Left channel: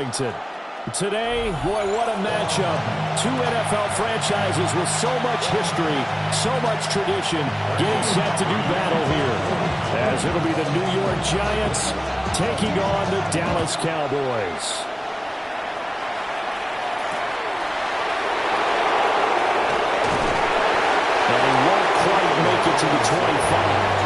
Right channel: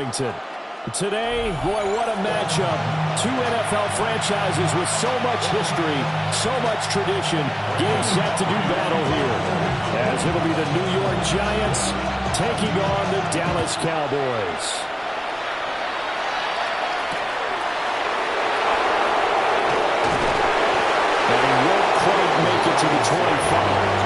Arlington. Today, boy, what a matchup. Two NFL franchises with so much history, so much tradition, getting set to do battle here. As it'll be the New York Giants taking on the Dallas Cowboys. And he won't quite make it to the 25.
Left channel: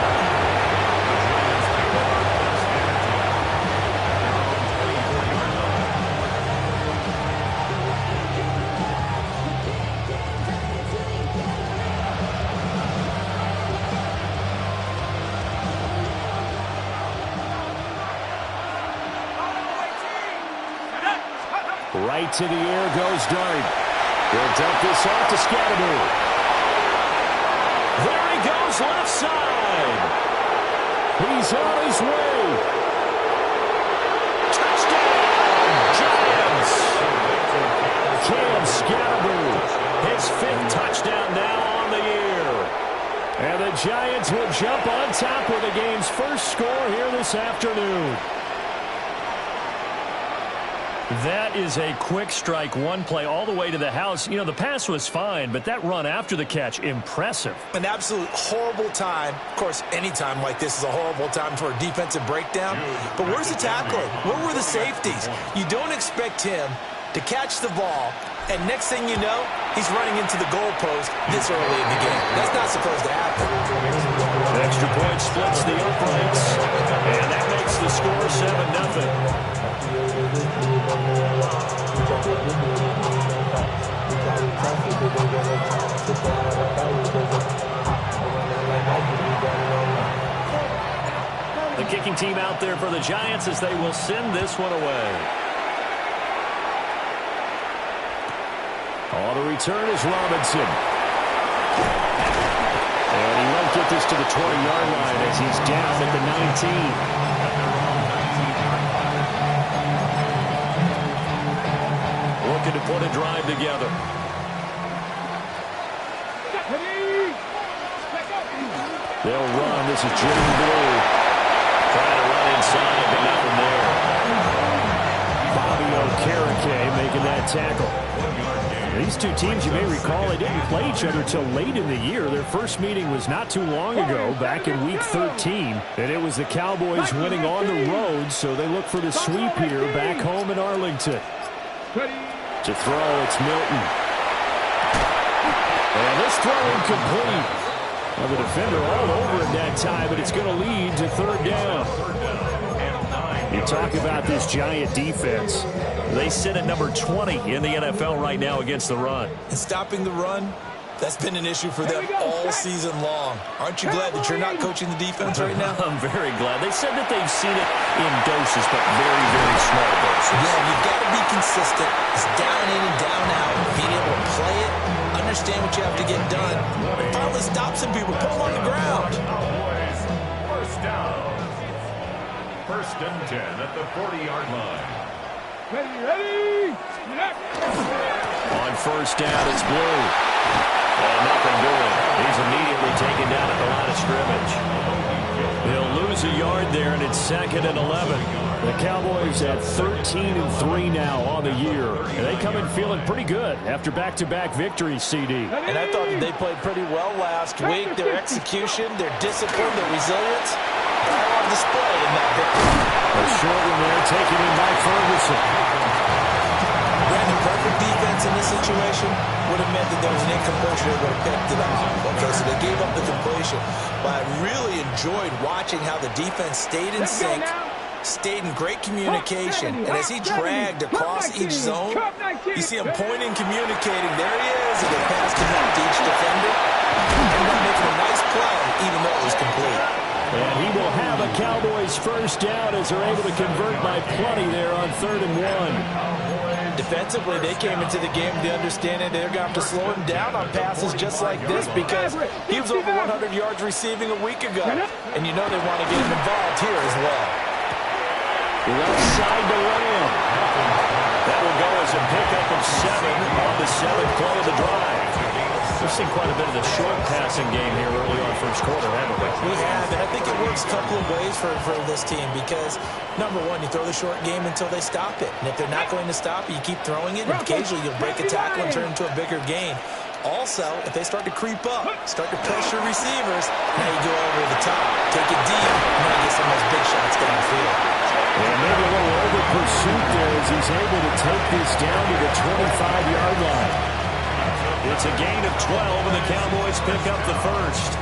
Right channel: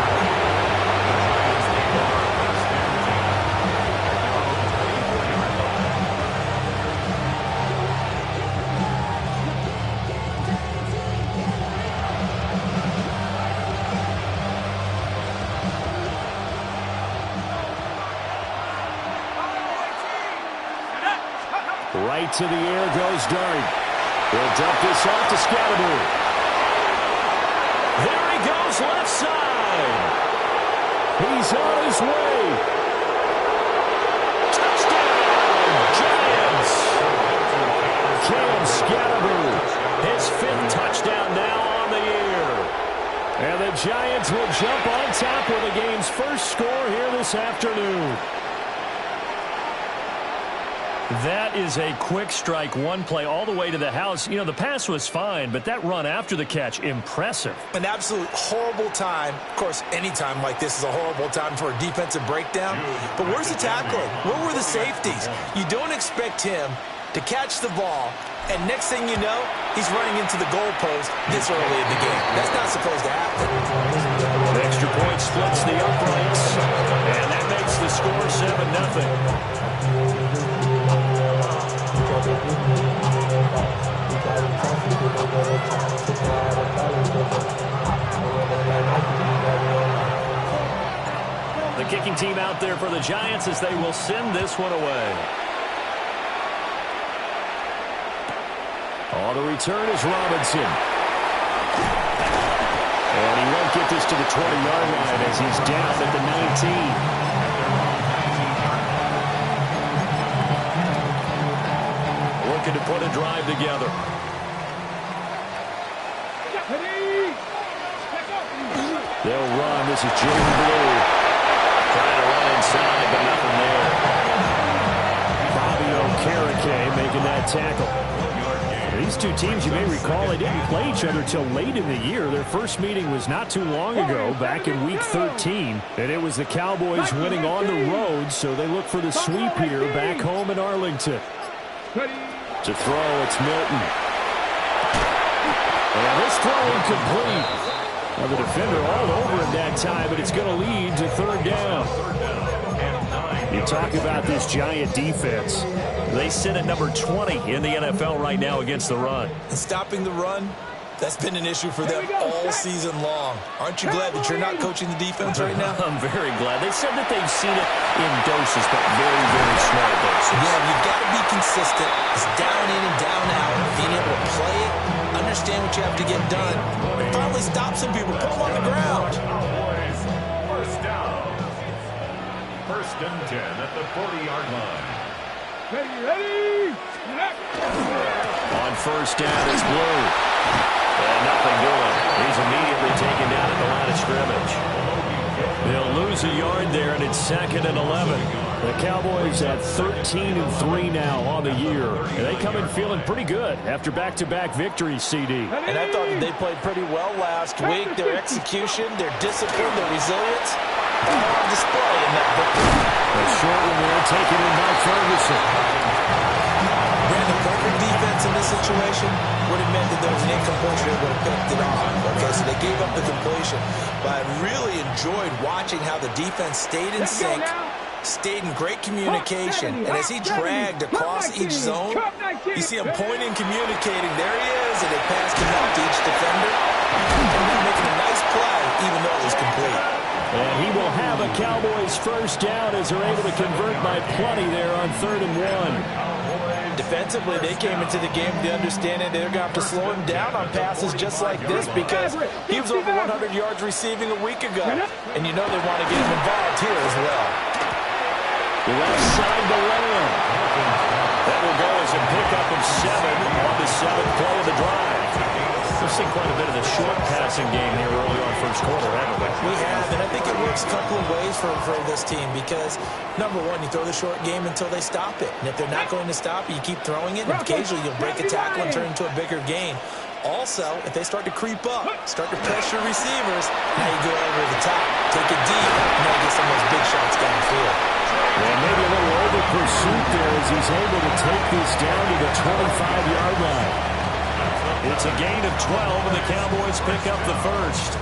Right to the air goes Dart. He'll dump this off to Scatteroo. There he goes left side. He's on his way. Touchdown, Giants. Cam Scatteroo, his 5th touchdown now on the year. And the Giants will jump on top with the game's first score here this afternoon. That is a quick strike, one play all the way to the house. You know, the pass was fine, but that run after the catch, impressive. An absolute horrible time. Of course, any time like this is a horrible time for a defensive breakdown. But where's the tackling? Where were the safeties? You don't expect him to catch the ball, and next thing you know, he's running into the goalpost this early in the game. That's not supposed to happen. The extra point splits the uprights, and that makes the score 7-0. The kicking team out there for the Giants as they will send this one away. On the return is Robinson. And he won't get this to the 20-yard line as he's down at the 19. Looking to put a drive together. They'll run. This is Jimmy Blue. Trying to run inside, but nothing there. Bobby Okereke making that tackle. These two teams, you may recall, they didn't play each other till late in the year. Their first meeting was not too long ago, back in Week 13. And it was the Cowboys winning on the road, so they look for the sweep here back home in Arlington. To throw, it's Milton. And this throw incomplete. Now the defender all over it that time, but it's going to lead to 3rd down. You talk about this Giant defense. They sit at number 20 in the NFL right now against the run. And stopping the run, that's been an issue for them all season long. Aren't you glad that you're not coaching the defense right now? I'm very glad. They said that they've seen it in doses, but very, very small doses. Yeah, you've got to be consistent. It's down in and down out. Being able to play it, understand what you have to get done, and finally stop some people, put them on the ground. First down. 1st and 10 at the 40-yard line. Ready. On 1st down, it's Blue. And nothing doing. He's immediately taken down at the line of scrimmage. They'll lose a yard there, and it's 2nd and 11. The Cowboys at 13-3 now on the year. And they come in feeling pretty good after back-to-back victories, CD. And I thought that they played pretty well last week. Their execution, their discipline, their resilience, all on display in that victory. A short one there taken in by Ferguson. Brandon, perfect defense in this situation would have meant that there was an incompletion that would have picked it off. Okay, so they gave up the completion. But I really enjoyed watching how the defense stayed in sync, stayed in great communication. And as he dragged across each zone, you see him pointing, communicating. There he is, and they passed him up to each defender. Ended up making a nice play, even though it was complete. And he will have a Cowboys 1st down as they're able to convert by plenty there on 3rd and 1. Defensively, they came into the game with the understanding they're going to have to slow him down on passes just like this because he was over 100 yards receiving a week ago. And you know they want to get him involved here as well. Left side to Lamb. That will go as a pickup of 7 on the 7th play of the drive. seen quite a bit of the short passing game here early on first quarter, haven't we? We have, and I think it works a couple of ways for this team because, number one, you throw the short game until they stop it. And if they're not going to stop it, you keep throwing it, and occasionally you'll break a tackle and turn it into a bigger gain. Also, if they start to creep up, start to pressure receivers, now you go over the top, take it deep, and now you get some of those big shots downfield. Yeah, maybe a little over pursuit there as he's able to take this down to the 25-yard line. It's a gain of 12, and the Cowboys pick up the first.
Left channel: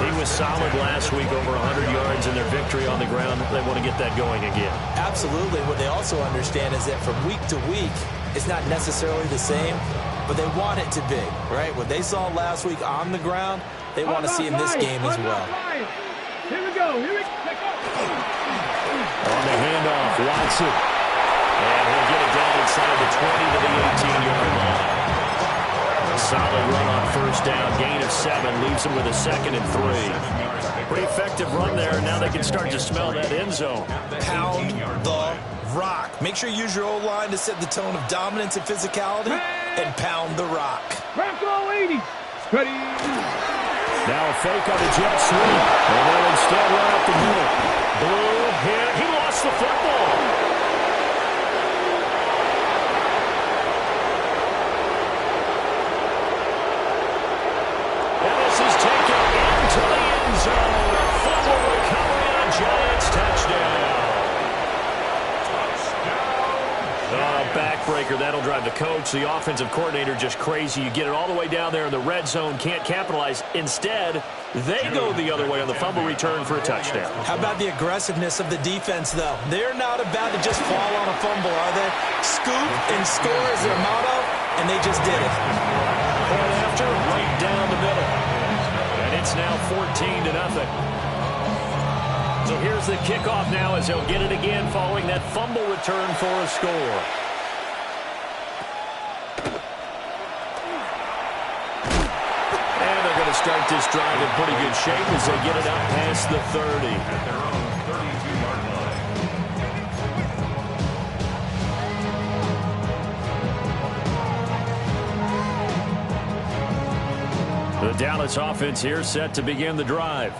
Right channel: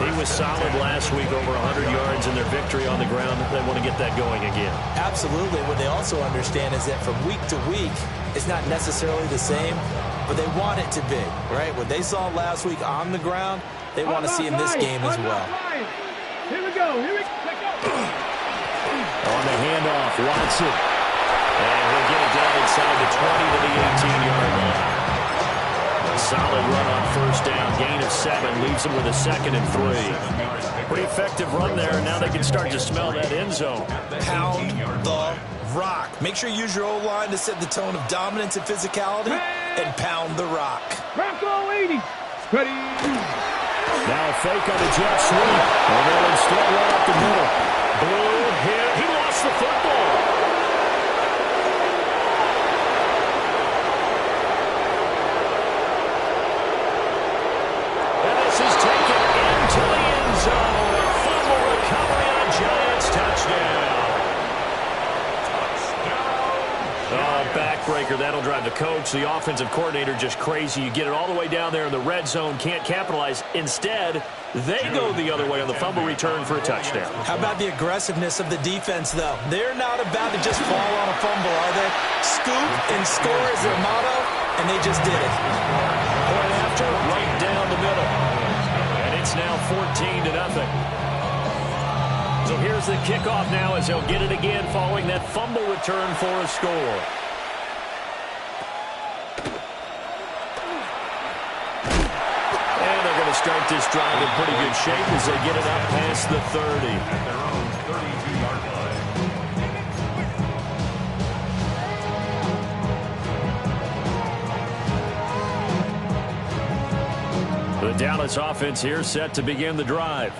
He was solid last week, over 100 yards in their victory on the ground. They want to get that going again. Absolutely. What they also understand is that from week to week, it's not necessarily the same, but they want it to be, right? What they saw last week on the ground, they want to see in this game as well. Here we go. On the handoff, Watson. And he'll get it down inside the 20 to the 18-yard line. A solid run on first down. Gain of 7 leaves him with a 2nd and 3. Pretty effective run there. Now they can start to smell that end zone. Pound the rock. Make sure you use your O-line to set the tone of dominance and physicality, and pound the rock. Bronco 80. Ready. Now a fake on the jet sweep. And they'll instead run up the middle. Blue hit. He lost the football. And this is taken into the end zone. A fumble recovery on Giants. Touchdown. Oh, backbreaker. That'll drive the coach, the offensive coordinator, just crazy. You get it all the way down there in the red zone, can't capitalize. Instead, they go the other way on the fumble return for a touchdown. How about the aggressiveness of the defense, though? They're not about to just fall on a fumble, are they? Scoop and score is their motto, and they just did it. Point after, right down the middle. And it's now 14-0. So here's the kickoff now as he'll get it again following that fumble return for a score. And they're going to start this drive in pretty good shape as they get it up past the 30. At their own 32-yard line. The Dallas offense here set to begin the drive.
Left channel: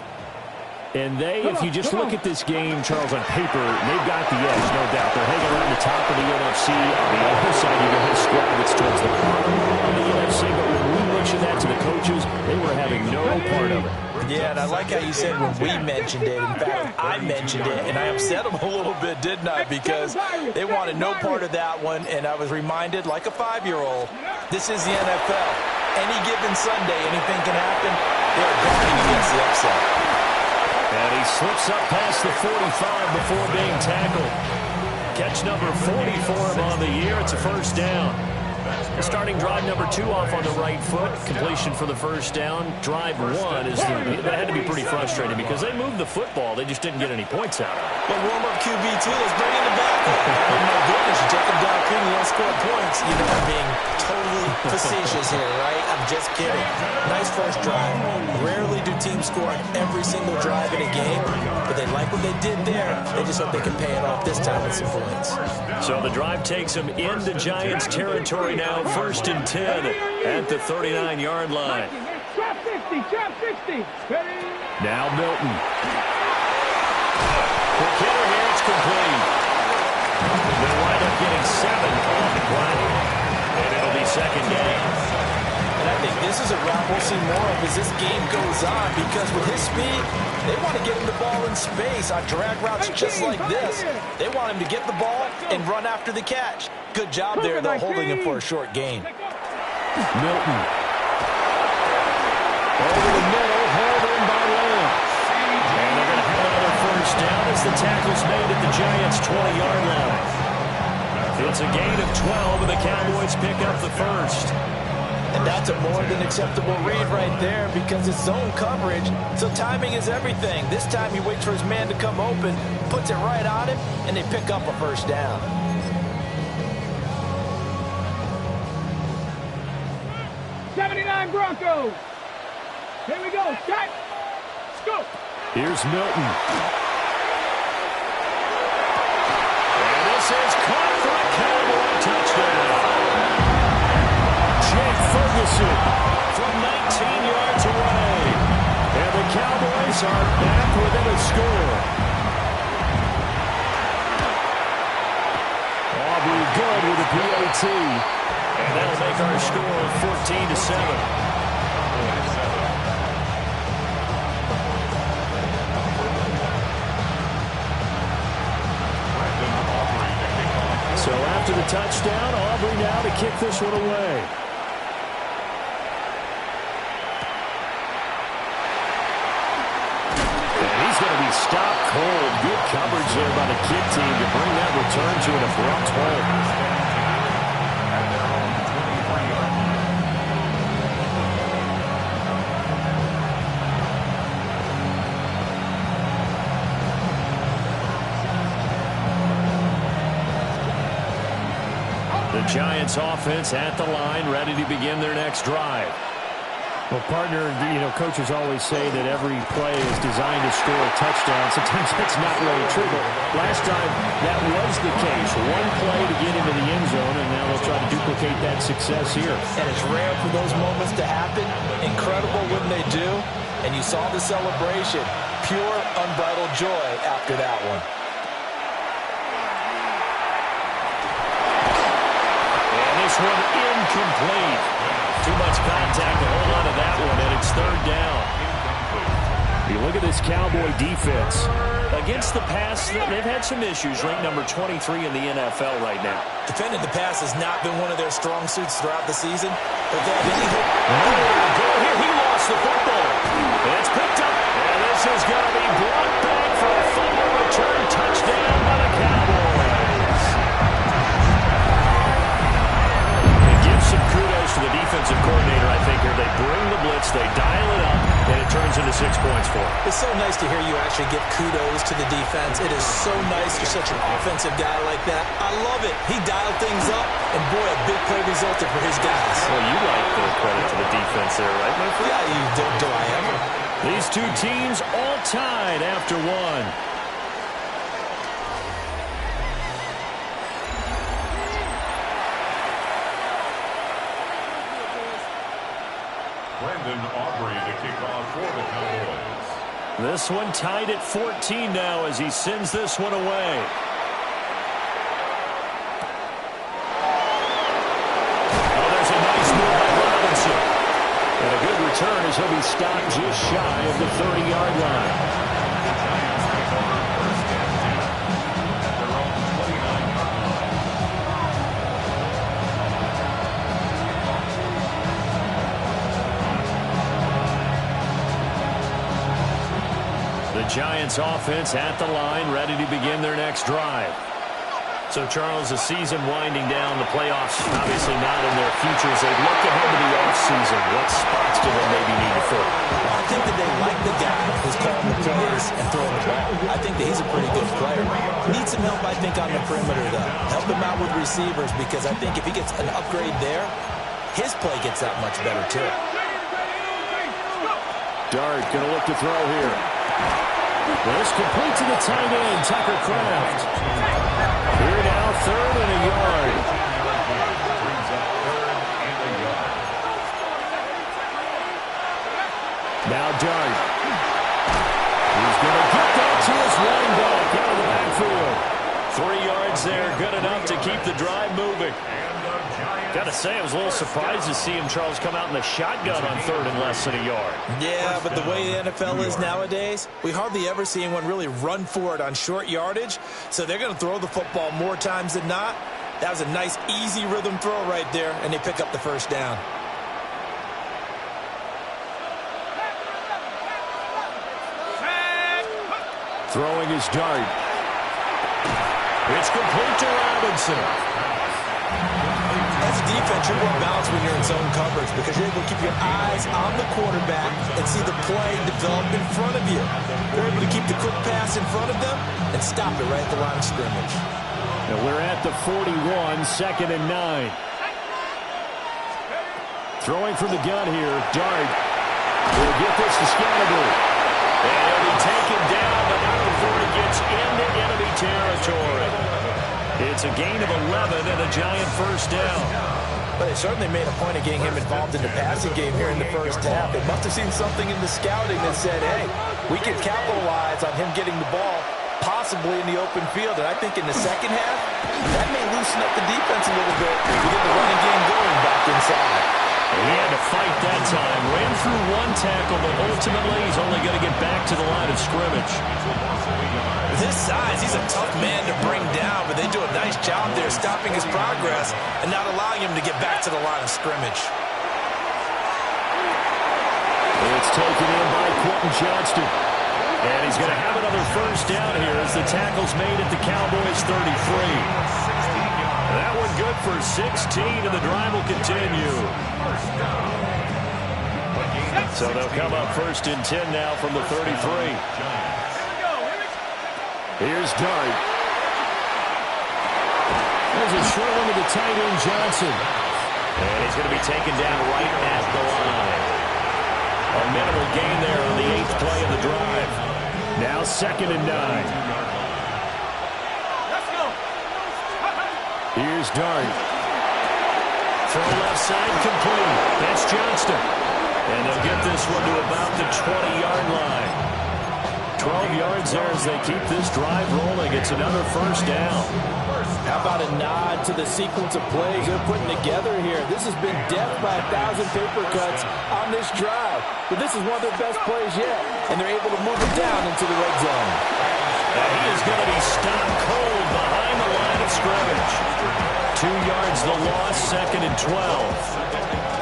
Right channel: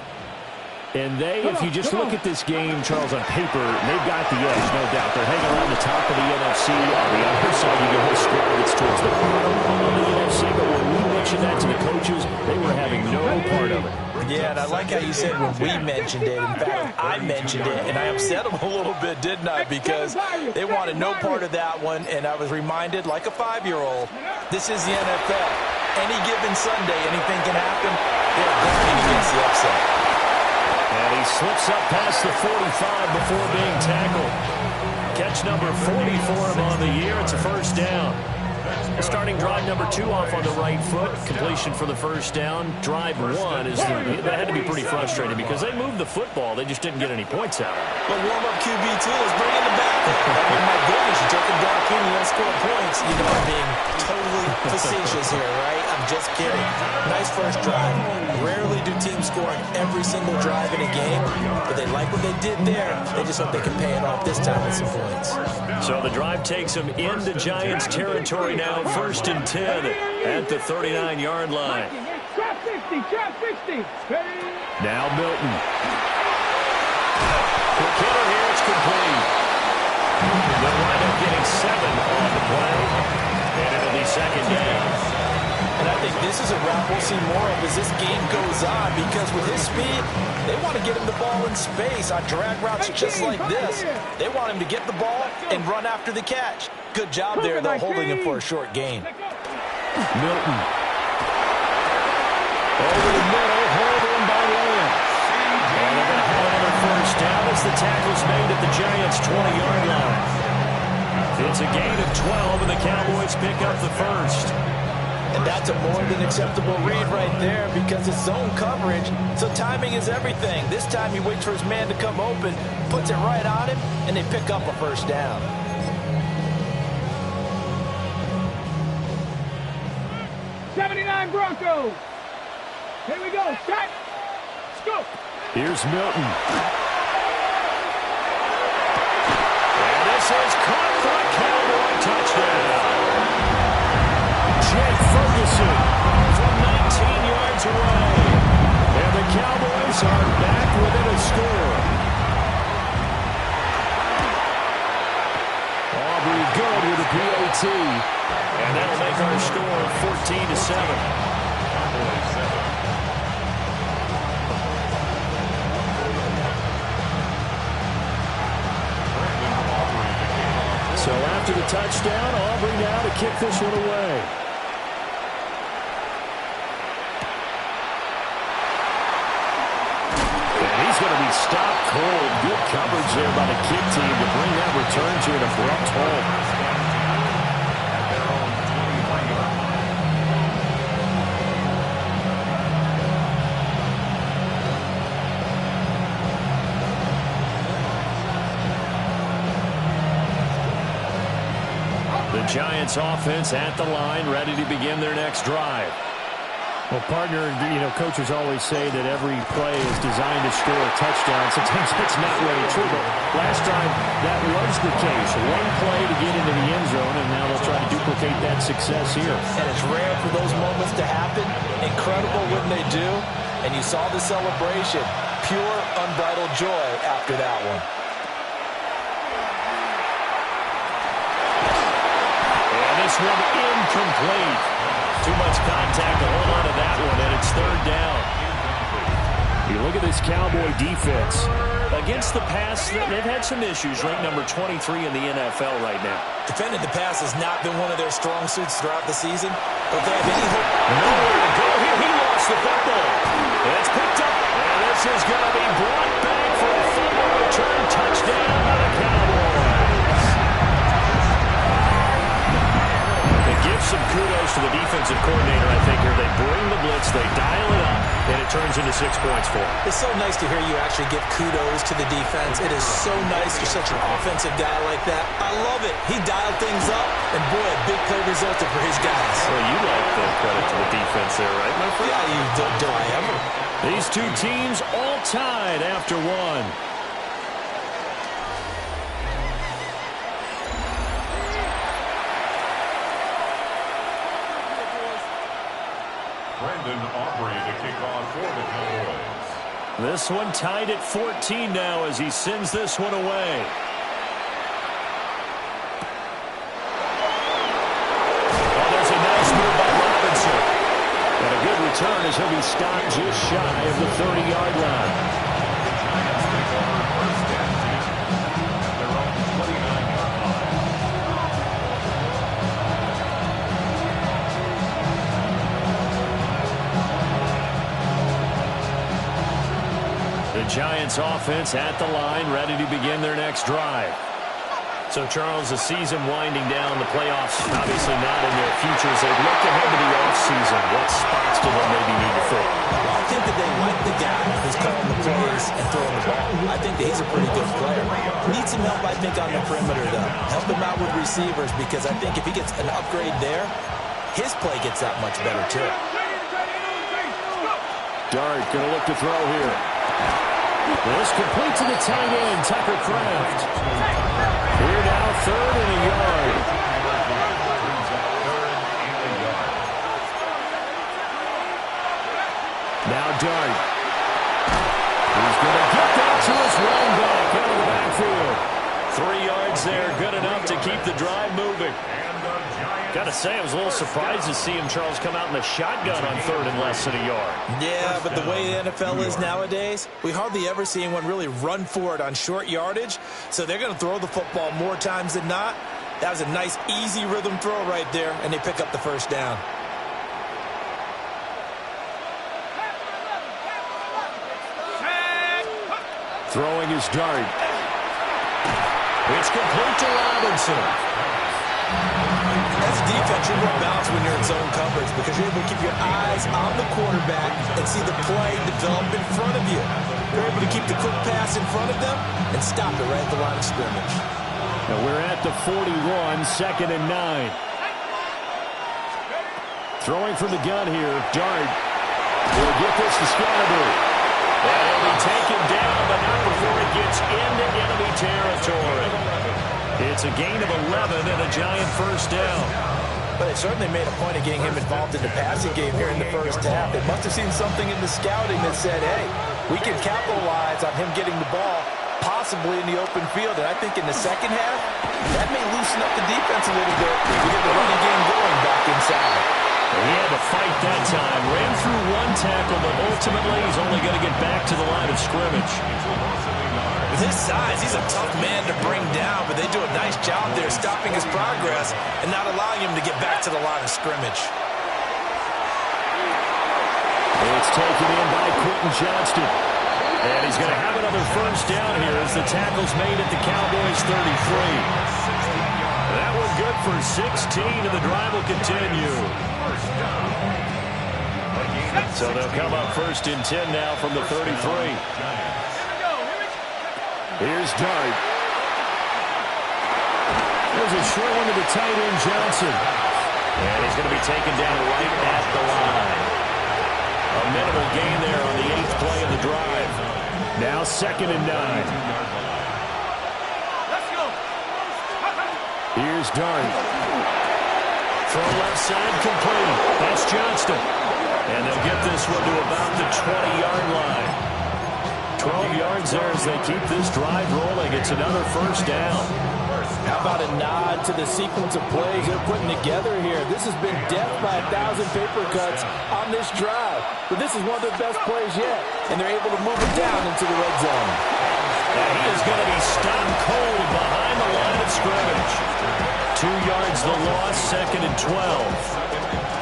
And if you just look at this game, Charles, on paper, they've got the edge, no doubt. They're hanging around the top of the NFC. On the other side, you get a squad that's towards the bottom of the NFC. But when we mentioned that to the coaches, they were having no part of it. Yeah, and I like how you said when we mentioned it. In fact, I mentioned it, and I upset them a little bit, didn't I? Because they wanted no part of that one, and I was reminded, like a 5-year-old, this is the NFL. Any given Sunday, anything can happen. They're guarding against the upset. And he slips up past the 45 before being tackled. Catch number 40 for him on the year. It's a first down. Starting drive number 2 off on the right foot. Completion for the first down. Drive 1 that had to be pretty frustrating because they moved the football. They just didn't get any points out of it. But warm-up QB2, let's bring in the backup. I mean, my goodness, you take them down clean, you don't score points. You know I'm being totally facetious here, right? I'm just kidding. Nice first drive. Rarely do teams score on every single drive in a game, but they like what they did there. They just hope they can pay it off this time with some points. So the drive takes them into Giants territory now, 1st and 10 at the 39-yard line. Trap 60. Ready. Now Milton. Quick hitter here, it's complete. They'll wind up getting 7 on the play, and it'll be second down. And I think this is a route we'll see more of as this game goes on because with his speed, they want to get him the ball in space on drag routes just like this. They want him to get the ball and run after the catch. Good job there, though, holding him for a short gain. Milton. Over the middle, hauled in by Lamb. And they're going to have another first down as the tackle's made at the Giants' 20-yard line. It's a gain of 12, and the Cowboys pick up the first. And that's a more than acceptable read right there because it's zone coverage, so timing is everything. This time he waits for his man to come open, puts it right on him, and they pick up a first down. '79 Broncos. Here we go. Shot. Scoop. Here's Milton. And this is caught for a Cowboy touchdown. Jake Ferguson from Aubrey good with a PAT. And that'll make our score 14-7. Cowboys 7. So after the touchdown, Aubrey now to kick this one away. And he's going to be stopped cold. Good coverage there by the kick team to bring that return to an abrupt halt. At their own 23-yard line. The Giants offense at the line, ready to begin their next drive. Well, partner, coaches always say that every play is designed to score a touchdown. Sometimes that's not really true, but last time that was the case. One play to get into the end zone, and now they'll try to duplicate that success here. And it's rare for those moments to happen. Incredible when they do. And you saw the celebration. Pure, unbridled joy after that one. This one incomplete. Too much contact to hold on to that one, and it's third down. You look at this Cowboy defense. Against the pass, they've had some issues. Ranked number 23 in the NFL right now. Defending the pass has not been one of their strong suits throughout the season. But if they have any hope. Nowhere to go here. He lost the football. And it's picked up. And this is going to be brought back for a fumble return touchdown by the Cowboys. Give some kudos to the defensive coordinator, I think, here. They bring the blitz, they dial it up, and it turns into 6 points for them. It's so nice to hear you actually give kudos to the defense. It is so nice. You're such an offensive guy like that. I love it. He dialed things up, and boy, a big play resulted for his guys. Well, you like the credit to the defense there, right, my friend? Yeah, do I ever? These two teams all tied after one. Brandon Aubrey to kick off for the Cowboys. This one tied at 14 now as he sends this one away. Oh, there's a nice move by Robinson. And a good return as he'll be stopped just shy of the 30-yard line. The Giants take over first and 10 at their own 29-yard line. The Giants offense at the line, ready to begin their next drive. So, Charles, the season winding down, the playoffs obviously not in their futures. They look ahead to the offseason. What spots do they maybe need to fill? Well, I think that they like the guy who's calling the plays and throwing the ball. I think that he's a pretty good player. Needs some help, I think, on the perimeter, though. Help him out with receivers, because I think if he gets an upgrade there, his play gets that much better, too. Dart going to look to throw here. This complete to the tight end, Tucker Kraft. Here now, third and a yard. Brings up third and a yard. Now Dart. He's going to get that to his running back out of the backfield. 3 yards there, good enough to keep the drive moving. Got to say, I was a little surprised to see him, Charles, come out in the shotgun on third and less than a yard. Yeah, but the way the NFL is nowadays, we hardly ever see anyone really run for it on short yardage. So they're going to throw the football more times than not. That was a nice, easy rhythm throw right there, and they pick up the first down. Throwing his Dart. It's complete to Robinson. As a defense, you're more balanced when you're in zone coverage because you're able to keep your eyes on the quarterback and see the play develop in front of you. You're able to keep the quick pass in front of them and stop it right at the line of scrimmage. And we're at the 41, 2nd and 9. Throwing from the gun here, Dart will get this to Scatterby. And he'll be taken down, but not before he gets into enemy territory. It's a gain of 11 and a Giant first down. But they certainly made a point of getting him involved in the passing game here in the first half. They must have seen something in the scouting that said, hey, we can capitalize on him getting the ball possibly in the open field. And I think in the second half, that may loosen up the defense a little bit to get the running game going back inside. He had to fight that time. Ran through one tackle, but ultimately he's only going to get back to the line of scrimmage. With his size, he's a tough man to bring down, but they do a nice job there stopping his progress and not allowing him to get back to the line of scrimmage. It's taken in by Quentin Johnston. And he's going to have another first down here as the tackle's made at the Cowboys' 33. That one good for 16, and the drive will continue. So they'll come up 1st and 10 now from the 33. Here's Dart. There's a short one to the tight end, Johnson. And he's going to be taken down right at the line. A minimal gain there on the 8th play of the drive. Now 2nd and 9. Here's Dart. Throw left side complete. That's Johnston. And they'll get this one to about the 20-yard line. 12 yards there as they keep this drive rolling. It's another first down. How about a nod to the sequence of plays they're putting together here? This has been death by 1,000 paper cuts on this drive. But this is one of their best plays yet. And they're able to move it down into the red zone. And he is going to be stopped cold behind the line of scrimmage. 2 yards the loss, 2nd and 12.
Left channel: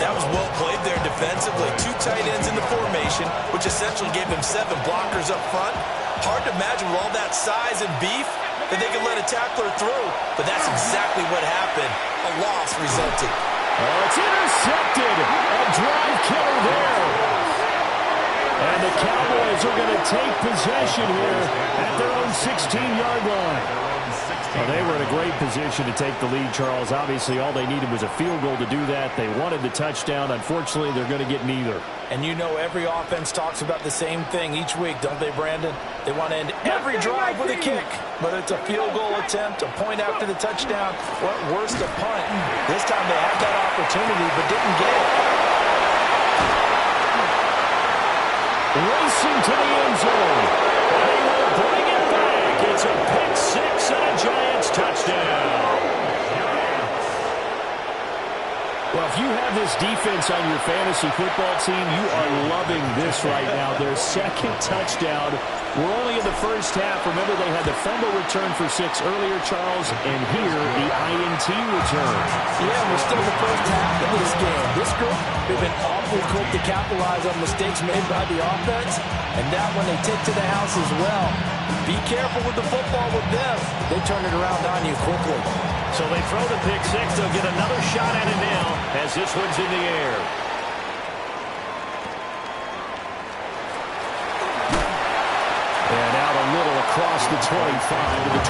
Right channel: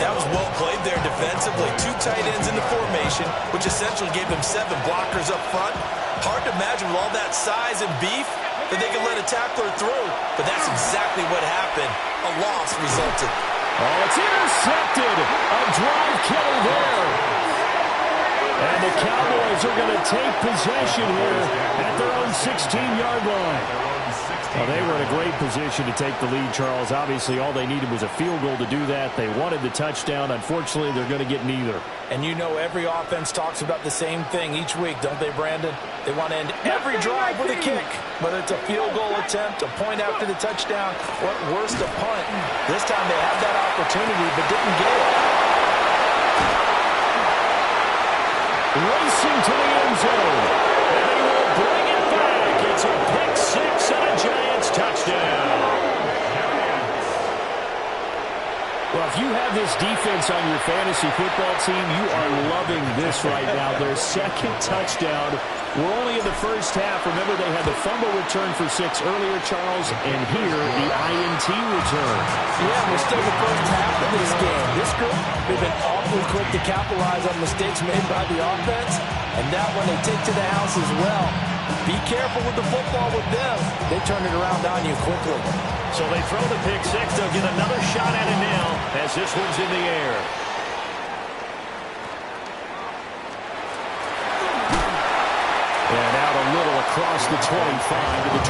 That was well played there defensively. 2 tight ends in the formation, which essentially gave them 7 blockers up front. Hard to imagine with all that size and beef that they could let a tackler through. But that's exactly what happened. A loss resulted. Oh, it's intercepted. A drive killer there. And the Cowboys are going to take possession here at their own 16-yard line. Well, they were in a great position to take the lead, Charles. Obviously, all they needed was a field goal to do that. They wanted the touchdown. Unfortunately, they're going to get neither. And you know every offense talks about the same thing each week, don't they, Brandon? They want to end every drive with a kick, whether it's a field goal attempt, a point after the touchdown, or at worst, a punt. This time they had that opportunity but didn't get it. Racing to the end zone. And they will bring it back. It's a pick six and a Giants touchdown. Well, if you have this defense on your fantasy football team, you are loving this right now. Their 2nd touchdown. We're only in the first half. Remember, they had the fumble return for 6 earlier, Charles, and here the INT return. Yeah, we're still in the first half of this game. This group, they've been awfully quick to capitalize on mistakes made by the offense, and that one they take to the house as well. Be careful with the football with them. They turn it around on you quickly. So they throw the pick six. They'll get another shot at it now as this one's in the air. And out a little across the 25 to the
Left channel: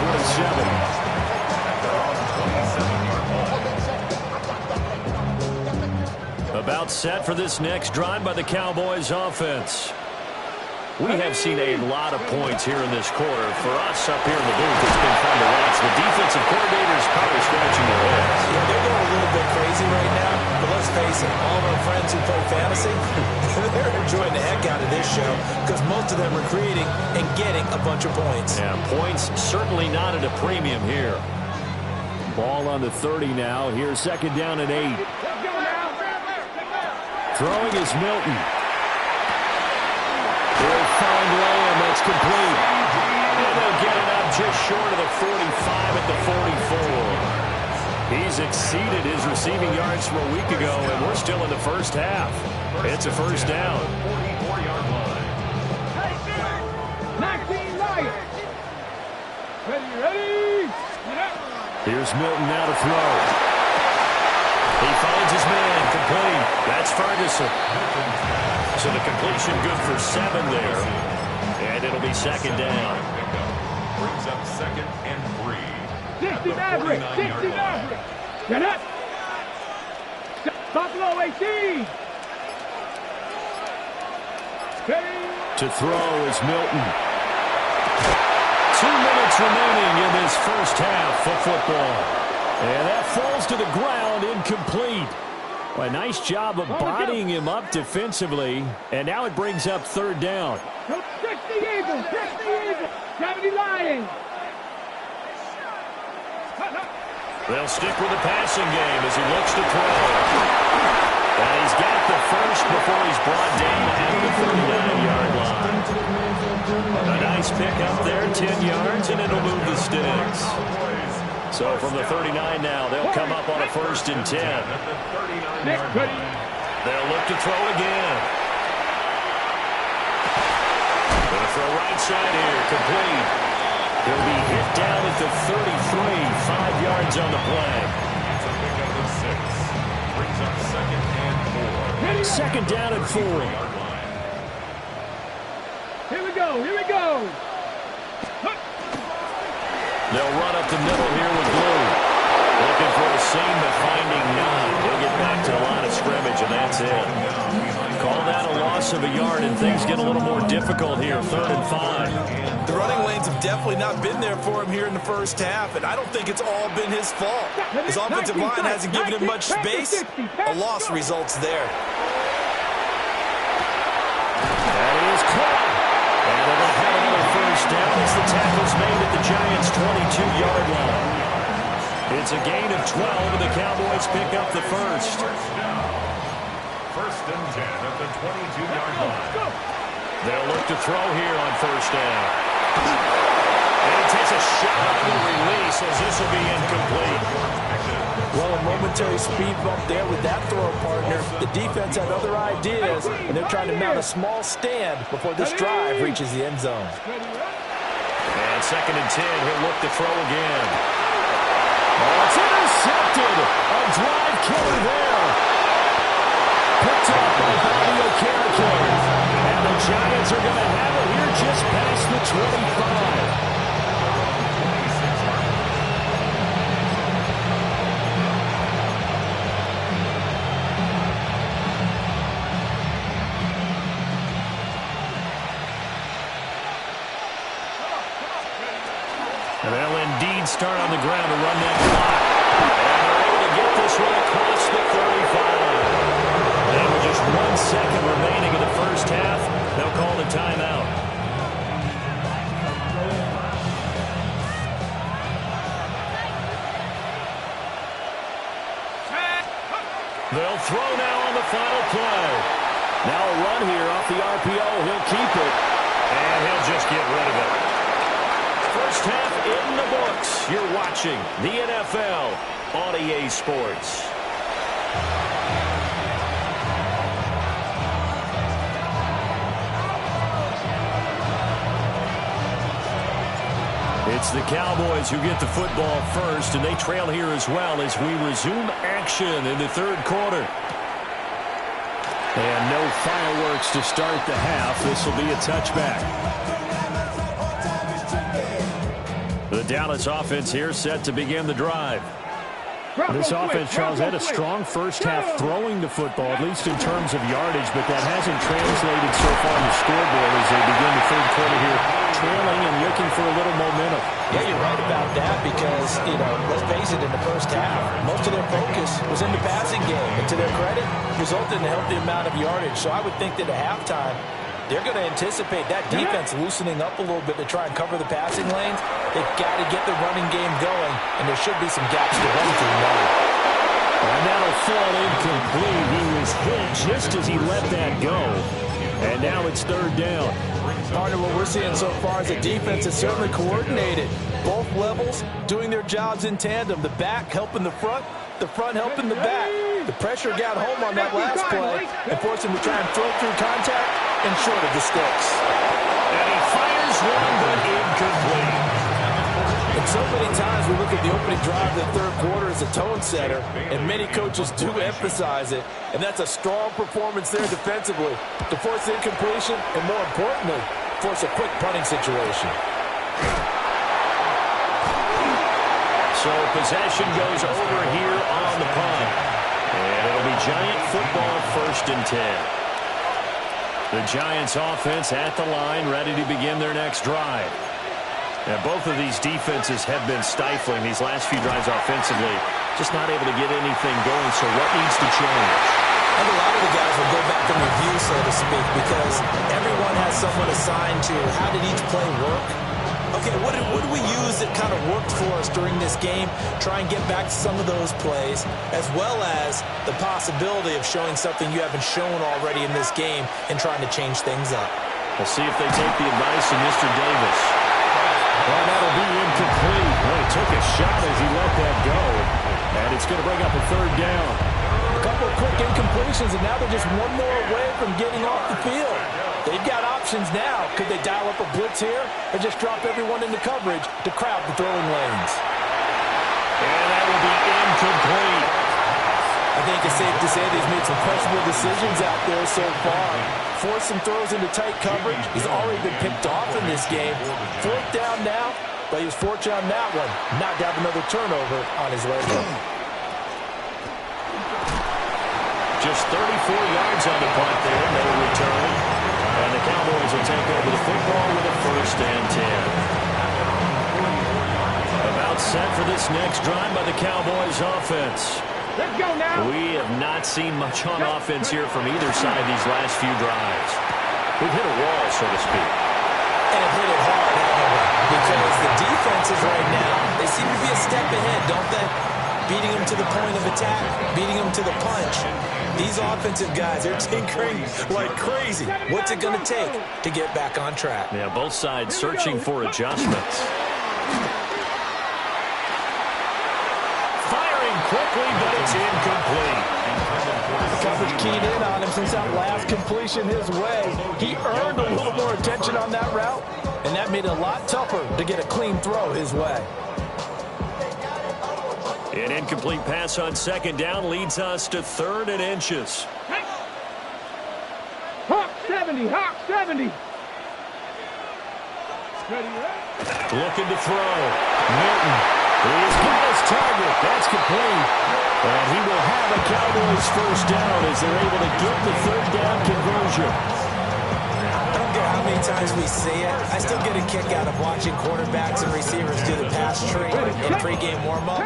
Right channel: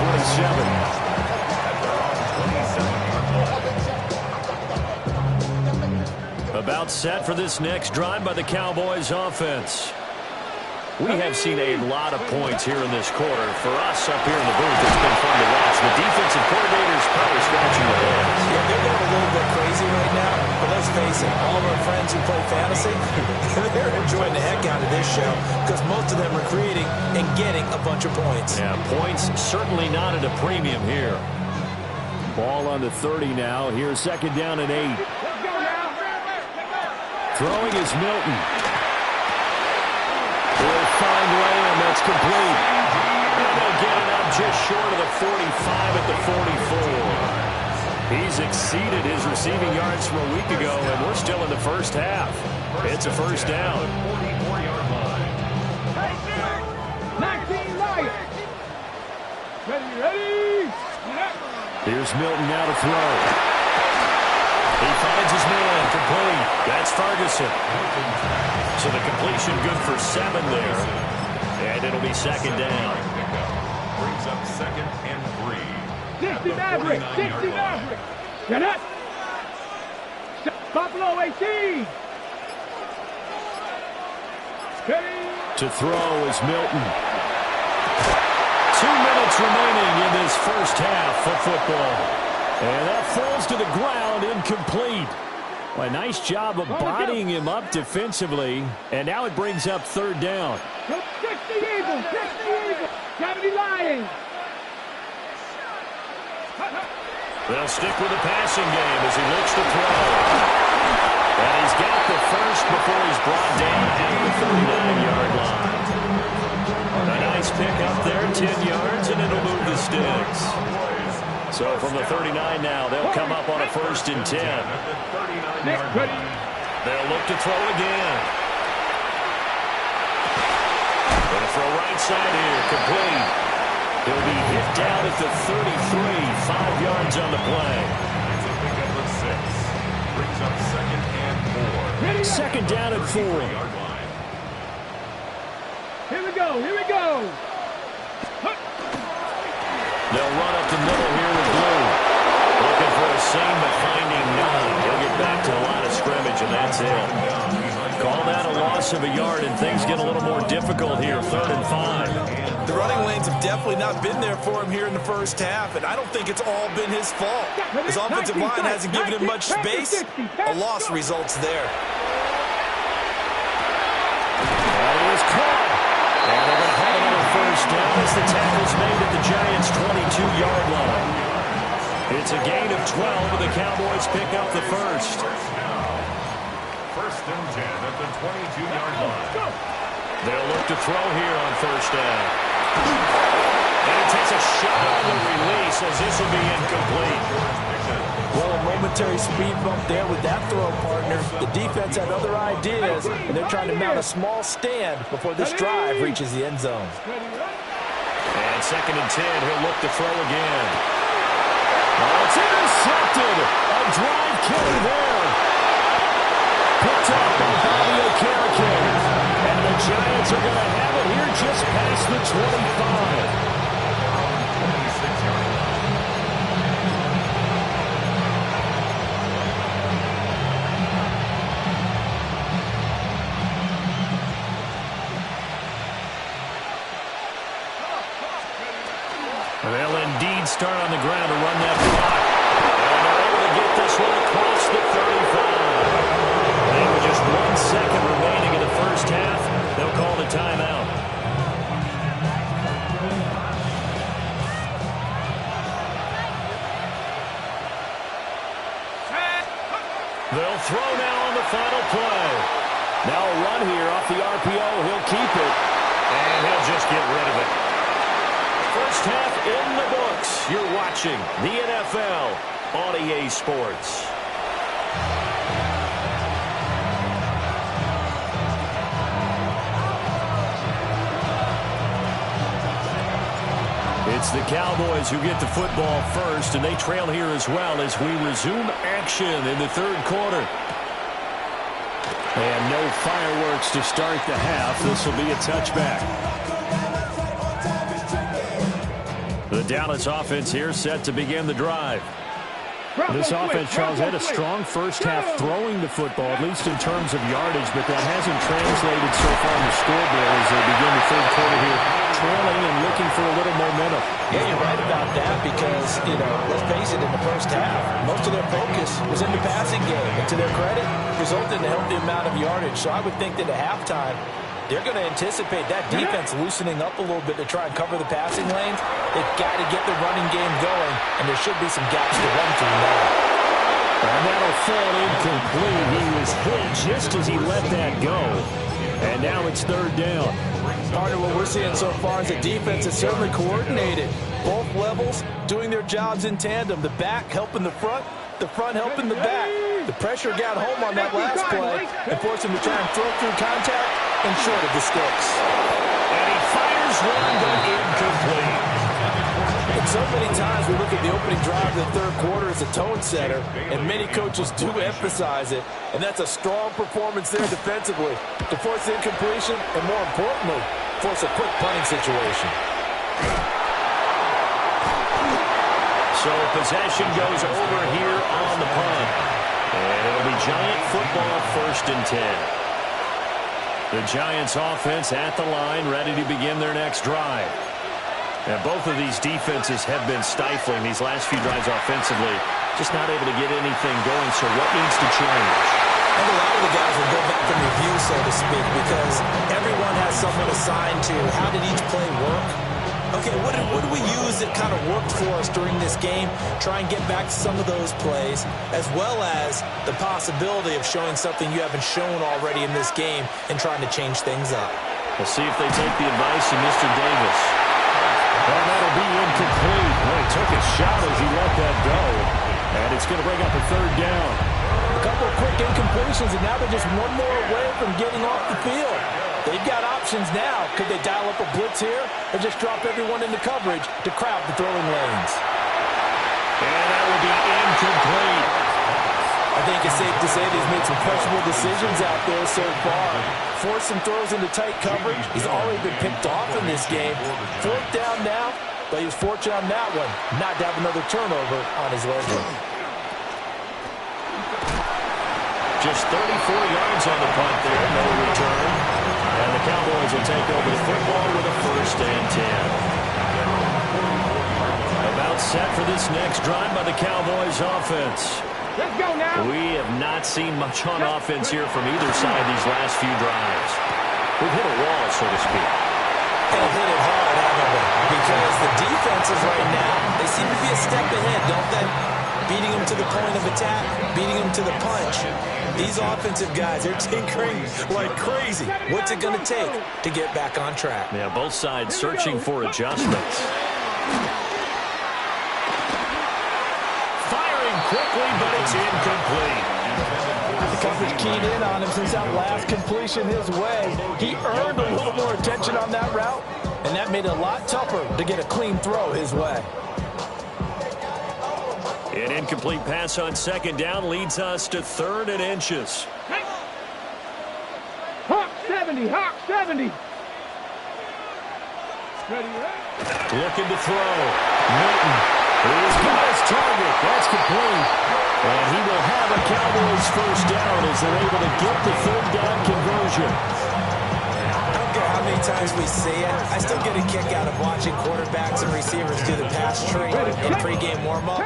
27. About set for this next drive by the Cowboys offense. We have seen a lot of points here in this quarter. For us up here in the booth, it's been fun to watch. The defensive coordinators probably scratching their heads. Yeah, they're going a little bit crazy right now, but let's face it, all of our friends who play fantasy, they're enjoying the heck out of this show because most of them are creating and getting a bunch of points. Yeah, points certainly not at a premium here. Ball on the 30 now. Here's 2nd down and 8. Throwing is Milton. They'll find Lamb. That's complete. And they'll get it up just short of the 45 at the 44. He's exceeded his receiving yards from a week ago, and we're still in the first half. It's a first down. 44-yard line. 19 Lions. Ready. Here's Milton now to throw. He finds his man, complete. That's Ferguson. So the completion good for 7 there. And it'll be 2nd down. Brings up 2nd and 3. 60 Maverick. 60 Maverick. Get up. Buffalo 18. Ready. To throw is Milton. 2 minutes remaining in this first half of football. And that falls to the ground, incomplete. Well, a nice job of bodying him up defensively, and now it brings up third down. Protect the Eagles. Protect the Eagles. 70 Lions. They'll stick with the passing game as he looks to throw. And he's got the first before he's brought down at the 39-yard line. A nice pick up there, 10 yards, and it'll move the sticks. So from the 39 now, they'll come up on a 1st and 10. They'll look to throw again. Going to throw right side here, complete. He'll be hit down at the 33, 5 yards on the play. It's a pickup of 6. Brings up 2nd and 4. 2nd down and 4. Here we go. Here we go. They'll run up the middle here with Blue. Looking for a seam, but finding none. He'll get back to the line of scrimmage, and that's it. Call that a loss of a yard, and things get a little more difficult here. 3rd and 5. The running lanes have definitely not been there for him here in the first half, and I don't think it's all been his fault. His offensive line hasn't given him much space. A loss results there. That is caught. And they're going to have another 1st down as the tackle's made at the Giants' 22-yard line. It's a gain of 12, and the Cowboys pick up the first. 1st and 10 at the 22-yard line. They'll look to throw here on 1st down. And he takes a shot on the release as this will be incomplete. Well, a momentary speed bump there with that throw, partner. The defense had other ideas, and they're trying to mount a small stand before this drive reaches the end zone. And 2nd and 10, he'll look to throw again. Oh, it's intercepted. A drive killer there. Picked up by Bobby Okereke. And the Giants are going to have it here just past the 25. And they'll indeed start on the ground to run that clock. And they're able to get this one across the 35. And with just 1 second remaining in the first half, they'll call the timeout. They'll throw now on the final play. Now a run here off the RPO. He'll keep it. And he'll just get rid of it. First half in the books. You're watching the NFL on EA Sports. It's the Cowboys who get the football first, and they trail here as well as we resume action in the 3rd quarter. And no fireworks to start the half. This will be a touchback. The Dallas offense here set to begin the drive. This offense, Charles, had a strong first half throwing the football, at least in terms of yardage, but that hasn't translated so far on the scoreboard as they begin the 3rd quarter here, trailing and looking for a little momentum. Yeah, you're right about that because, let's face it, in the first half, most of their focus was in the passing game. And to their credit, resulted in a healthy amount of yardage. So I would think that at halftime, they're going to anticipate that defense loosening up a little bit to try and cover the passing lanes. They've got to get the running game going, and there should be some gaps to run through now. And that'll fall incomplete. He was hit just as he let that go. And now it's 3rd down. Partner, what we're seeing so far is the defense is certainly coordinated. Both levels doing their jobs in tandem. The back helping the front helping the back. The pressure got home on that last play and forced him to try and throw through contact and short of the sticks. And he fires one, but incomplete. And so many times we look at the opening drive of the 3rd quarter as a tone setter, and many coaches do emphasize it. And that's a strong performance there defensively to force incompletion and, more importantly, force a quick punting situation. So possession goes over here on the punt. And it'll be Giant football 1st and 10. The Giants offense at the line, ready to begin their next drive. And both of these defenses have been stifling these last few drives offensively. just not able to get anything going. So what needs to change? And a lot of the guys will go back and review, so to speak, because everyone has someone assigned to how did each play work. Okay, what did we use that kind of worked for us during this game? Try and get back to some of those plays, as well as the possibility of showing something you haven't shown already in this game and trying to change things up. We'll see if they take the advice of Mr. Davis. And that'll be incomplete. Well, he took a shot as he let that go. And it's going to bring up a third down. A couple of quick incompletions, and now they're just one more away from getting off the field. They've got options now. Could they dial up a blitz here or just drop everyone into coverage to crowd the throwing lanes? And that will be incomplete. I think it's safe to say that he's made some questionable decisions out there so far. Forced some throws into tight coverage. He's already been picked off in this game. Fourth down now, but he was fortunate on that one not to have another turnover on his way. Just 34 yards on the punt there, no return. And the Cowboys will take over the football with a 1st and 10. About set for this next drive by the Cowboys offense. Let's go now. We have not seen much on offense here from either side these last few drives. We've hit a wall, so to speak. And have hit it hard, haven't we? Because the defenses right now, they seem to be a step ahead, don't they? Beating them to the point of attack, beating them to the punch. These offensive guys, they're tinkering like crazy. What's it going to take to get back on track? Yeah, both sides searching for adjustments. Firing quickly, but it's incomplete. The coverage keyed in on him since that last completion his way. He earned a little more attention on that route, and that made it a lot tougher to get a clean throw his way. An incomplete pass on 2nd down leads us to 3rd and inches. Hawk 70, Hawk 70. Ready, right? Looking to throw. Milton. He's got his target. That's complete. And he will have a Cowboys 1st down as they're able to get the 3rd down conversion. I don't care how many times we see it. I still get a kick out of watching quarterbacks and receivers do the pass tree in pregame warm-up.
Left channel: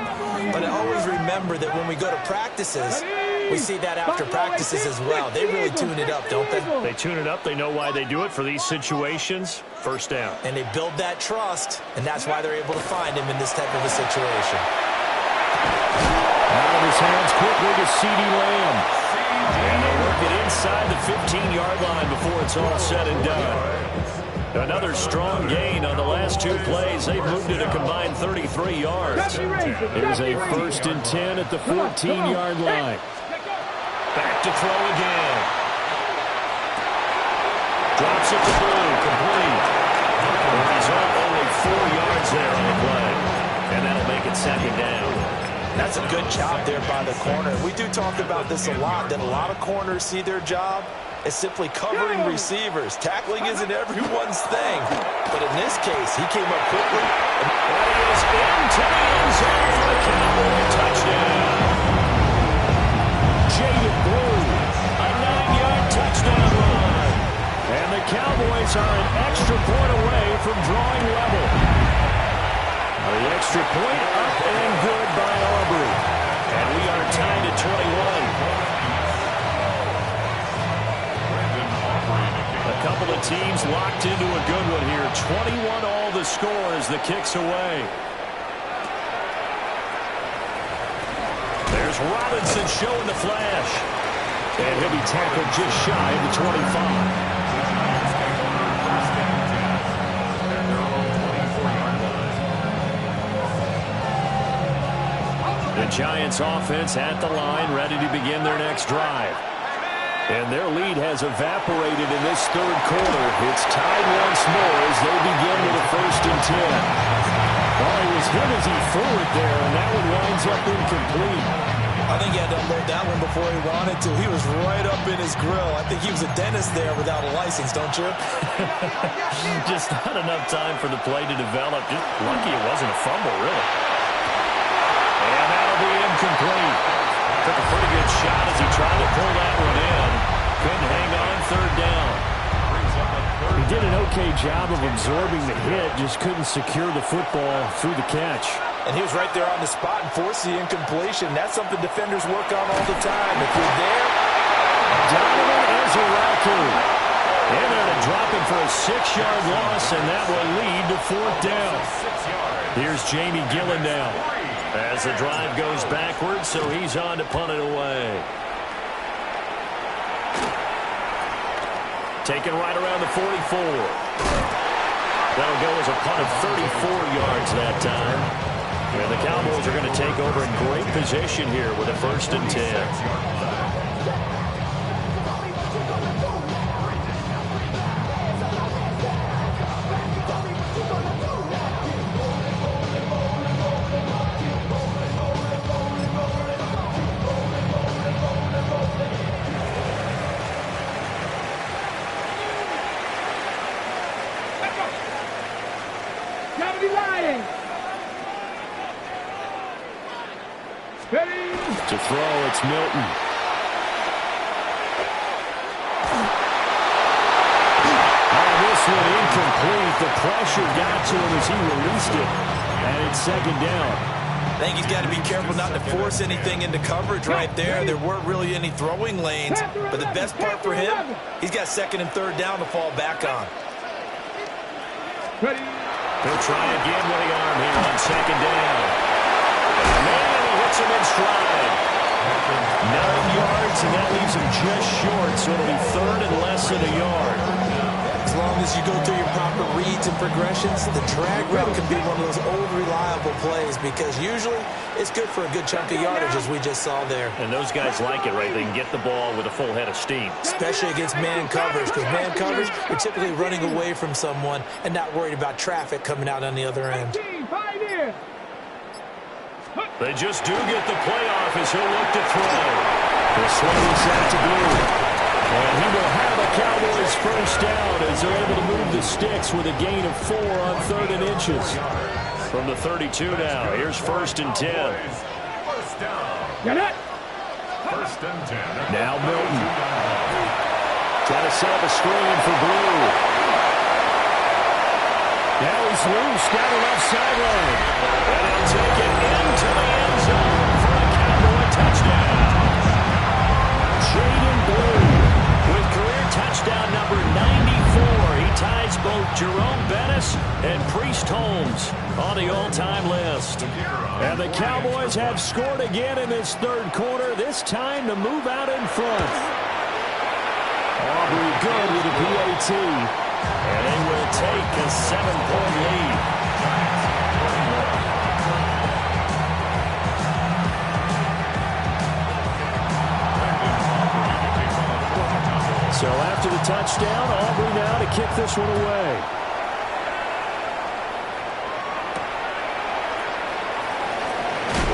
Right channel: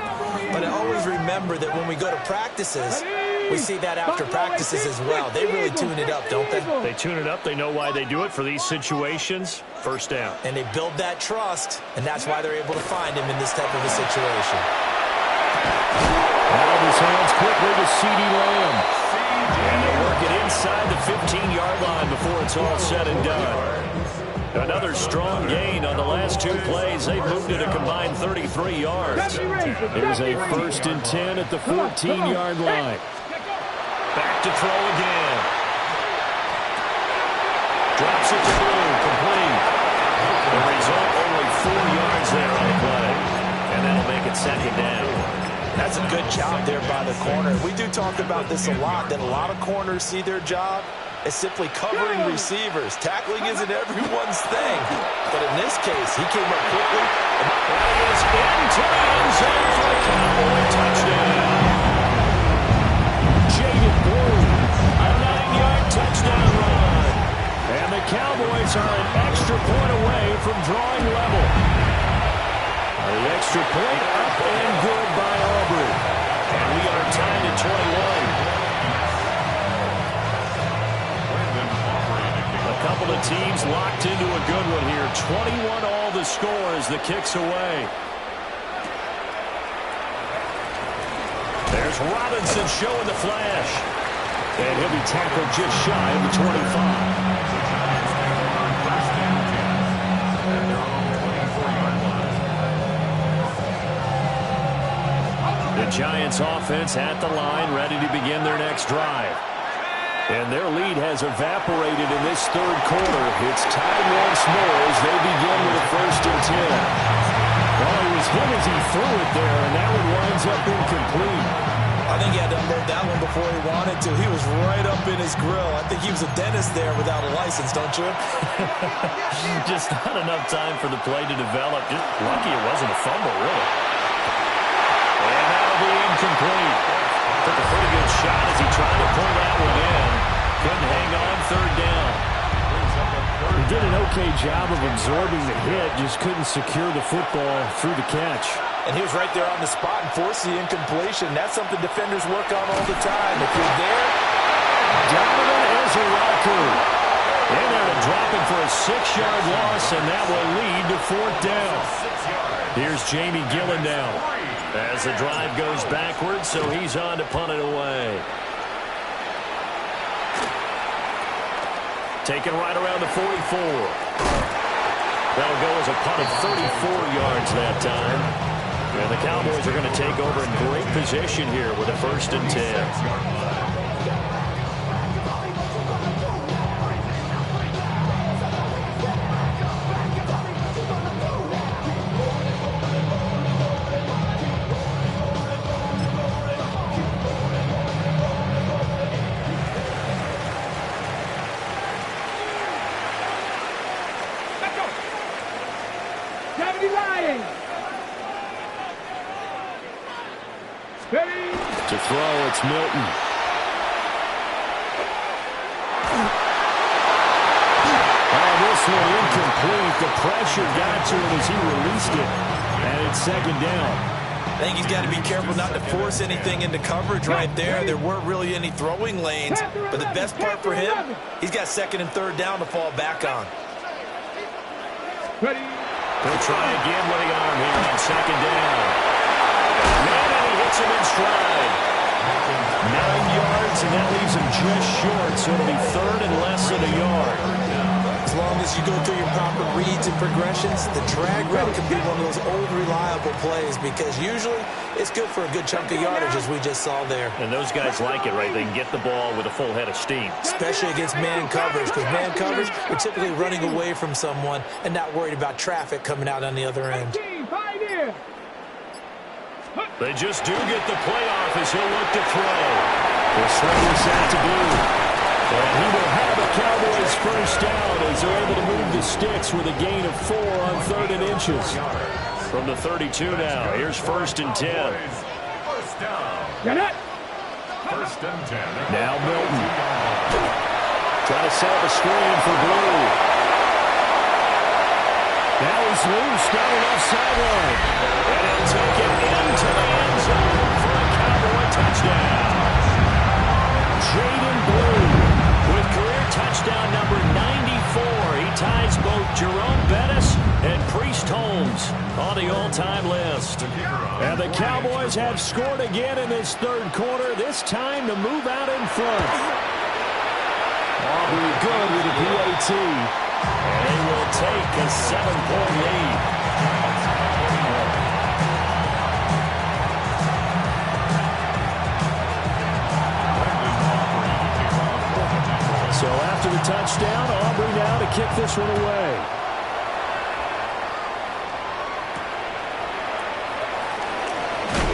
But I always remember that when we go to practices, we see that after practices as well. They really tune it up, don't they? They tune it up. They know why they do it for these situations. 1st down. And they build that trust, and that's why they're able to find him in this type of a situation. Out of his hands quickly to CeeDee Lamb. And they'll work it inside the 15-yard line before it's all said and done. Another strong gain on the last 2 plays. They've moved it a combined 33 yards. Here's a 1st and 10 at the 14-yard line. Back to throw again. Drops it to Blue, complete. The result, only 4 yards there on the play. And that'll make it 2nd down. That's a good job there by the corner. We do talk about this a lot, that a lot of corners see their job as simply covering receivers. Tackling isn't everyone's thing. But in this case, he came up quickly. And he is into the end zone for a Cowboy touchdown. Jaden Blue, a 9-yard touchdown run. And the Cowboys are an extra point away from drawing level. The extra point up and good by Aubrey. And we are tied at 21. A couple of teams locked into a good one here. 21 all the score as the kick's away. There's Robinson showing the flash. And he'll be tackled just shy of the 25. The Giants offense at the line, ready to begin their next drive. And their lead has evaporated in this 3rd quarter. It's tied once more as they begin with a 1st and 10. Well, he was hit as he threw it there, and that one winds up incomplete. I think he had to unload that one before he wanted to. He was right up in his grill. I think he was a dentist there without a license, don't you? Just not enough time for the play to develop. Just lucky it wasn't a fumble, really. And that'll be incomplete. Took a pretty good shot as he tried to pull that one in. Couldn't hang on 3rd down. Brings up a 3rd did an okay job of absorbing the hit, just couldn't secure the football through the catch. And he was right there on the spot and forced the incompletion. That's something defenders work on all the time. If you're there, Donovan Ezeraku in there to drop him for a 6-yard loss, and that will lead to 4th down. Here's Jamie Gillen now as the drive goes backwards, so he's on to punt it away. Taken right around the 44. That'll go as a punt of 34 yards that time. And the Cowboys are going to take over in great position here with a 1st and 10. To throw, it's Milton. This one incomplete. The pressure got to him as he released it, and it's 2nd down. I think he's got to be careful not to force anything into coverage right there. There weren't really any throwing lanes, but the best part for him, he's got 2nd and 3rd down to fall back on. He'll try again with the arm here on 2nd down. Man, and he hits him in stride. 9 yards, and that leaves him just short, so it'll be 3rd and less than a yard. As long as you go through your proper reads and progressions, the drag route can be one of those old reliable plays because usually it's good for a good chunk of yardage, as we just saw there. And those guys like it, right? They can get the ball with a full head of steam. Especially against man coverage, because man coverage, you're typically running away from someone and not worried about traffic coming out on the other end. They just do get the playoff as he'll look to throw. He'll swing this out to Blue. And he will have a Cowboys 1st down as they're able to move the sticks with a gain of 4 on 3rd and inches. From the 32 now, here's 1st and 10. 1st down. Get it. 1st and 10. Now Milton. Trying to set up a screen for Blue. Now he's loose down the left sideline. And he'll take it into the end zone for a Cowboy touchdown. Jaden Blue with career touchdown number 94. He ties both Jerome Bettis and Priest Holmes on the all-time list. And the Cowboys have scored again in this 3rd quarter, this time to move out in front. Aubrey good with a PAT. And they will take a 7-point lead. So after the touchdown, Aubrey now to kick this one away.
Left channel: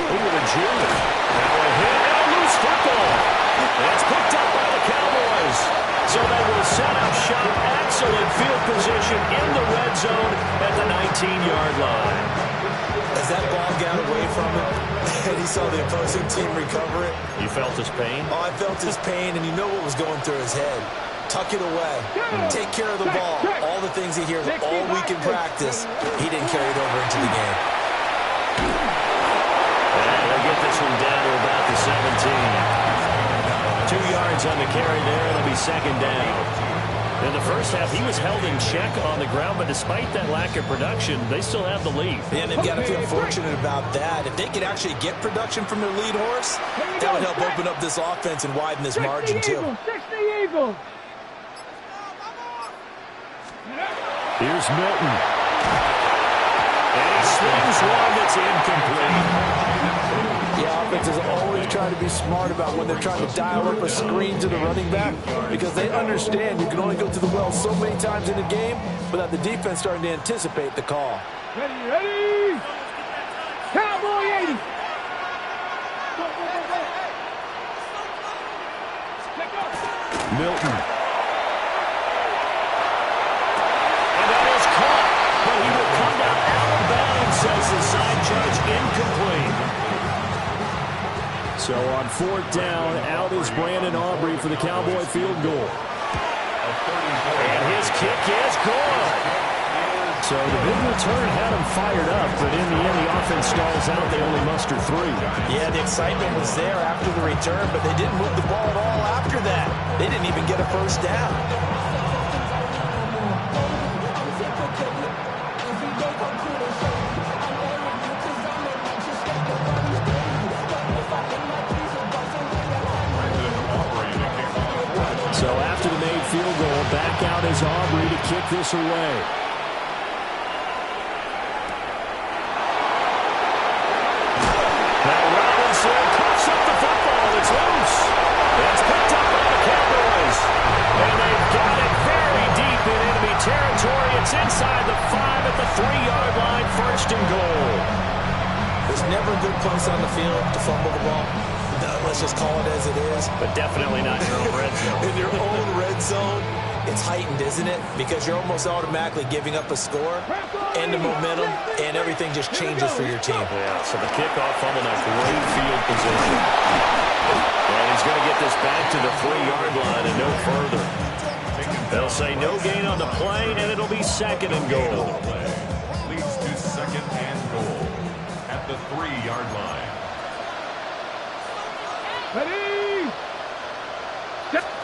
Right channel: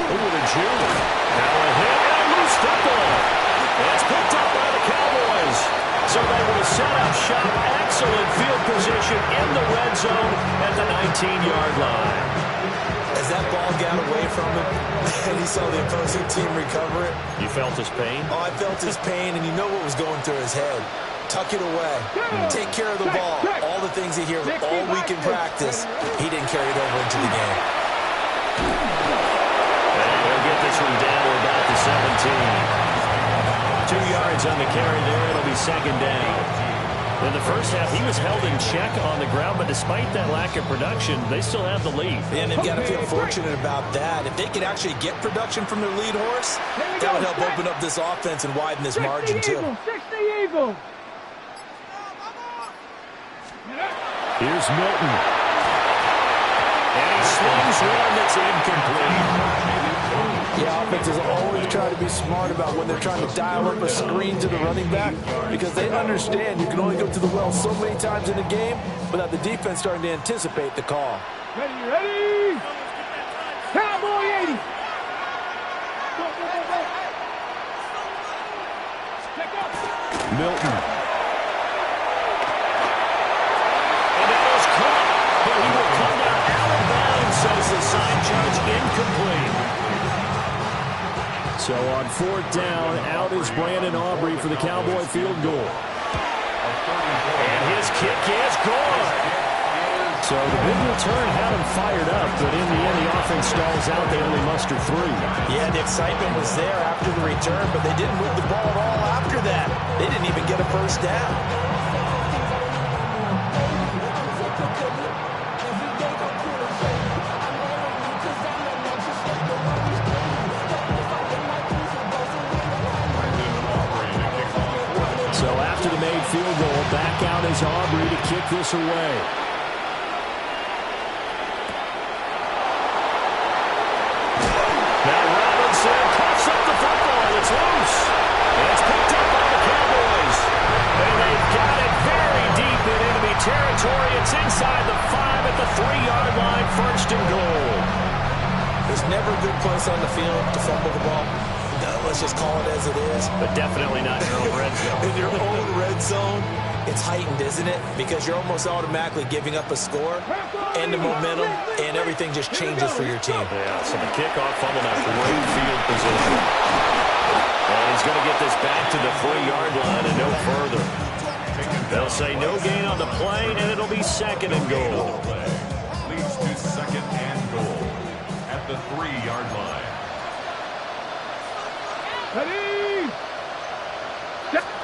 Over to June. Now a hit and a loose football. And it's picked up by the Cowboys. So they will set up shop. Excellent field position in the red zone at the 19-yard line. As that ball got away from him and he saw the opposing team recover it. You felt his pain? Oh, I felt his pain, and you know what was going through his head. Tuck it away. Take care of the ball. All the things he hears all week in practice, he didn't carry it over into the game. And he'll get this one down to about the 17. 2 yards on the carry there. It'll be 2nd down. In the first half, he was held in check on the ground, but despite that lack of production, they still have the lead. And they've got to feel fortunate about that. If they could actually get production from their lead horse, that would help open up this offense and widen this margin, too. Here's Milton. And he slings one that's incomplete. Yeah, offenses always try to be smart about when they're trying to dial up a screen to the running back because they understand you can only go to the well so many times in a game without the defense starting to anticipate the call. Ready? Cowboy 80. Milton. And that is caught, but he will come down out of bounds, says the side judge, incomplete. So on 4th down, out is Brandon Aubrey for the Cowboy field goal. And his kick is good. So the big return had him fired up, but in the end, the offense stalls out. They only muster 3. Yeah, the excitement was there after the return, but they didn't move the ball at all after that. They didn't even get a first down. So after the made field goal, back out is Aubrey to kick this away. Now Robinson cuffs up the football. It's loose. It's picked up by the Cowboys. And they've got it very deep in enemy territory. It's inside the 5 at the 3-yard line. 1st and goal. There's never a good place on the field to fumble the ball. Let's just call it as it is. But definitely not in your own red zone. In your own red zone, it's heightened, isn't it? Because you're almost automatically giving up a score and the momentum, and everything just changes for your team. Yeah, so the kickoff fumble, now great field position. And he's going to get this back to the 3-yard line and no further. They'll say no gain on the play, and it'll be 2nd and goal. Leads to 2nd and goal at the 3-yard line. Ready?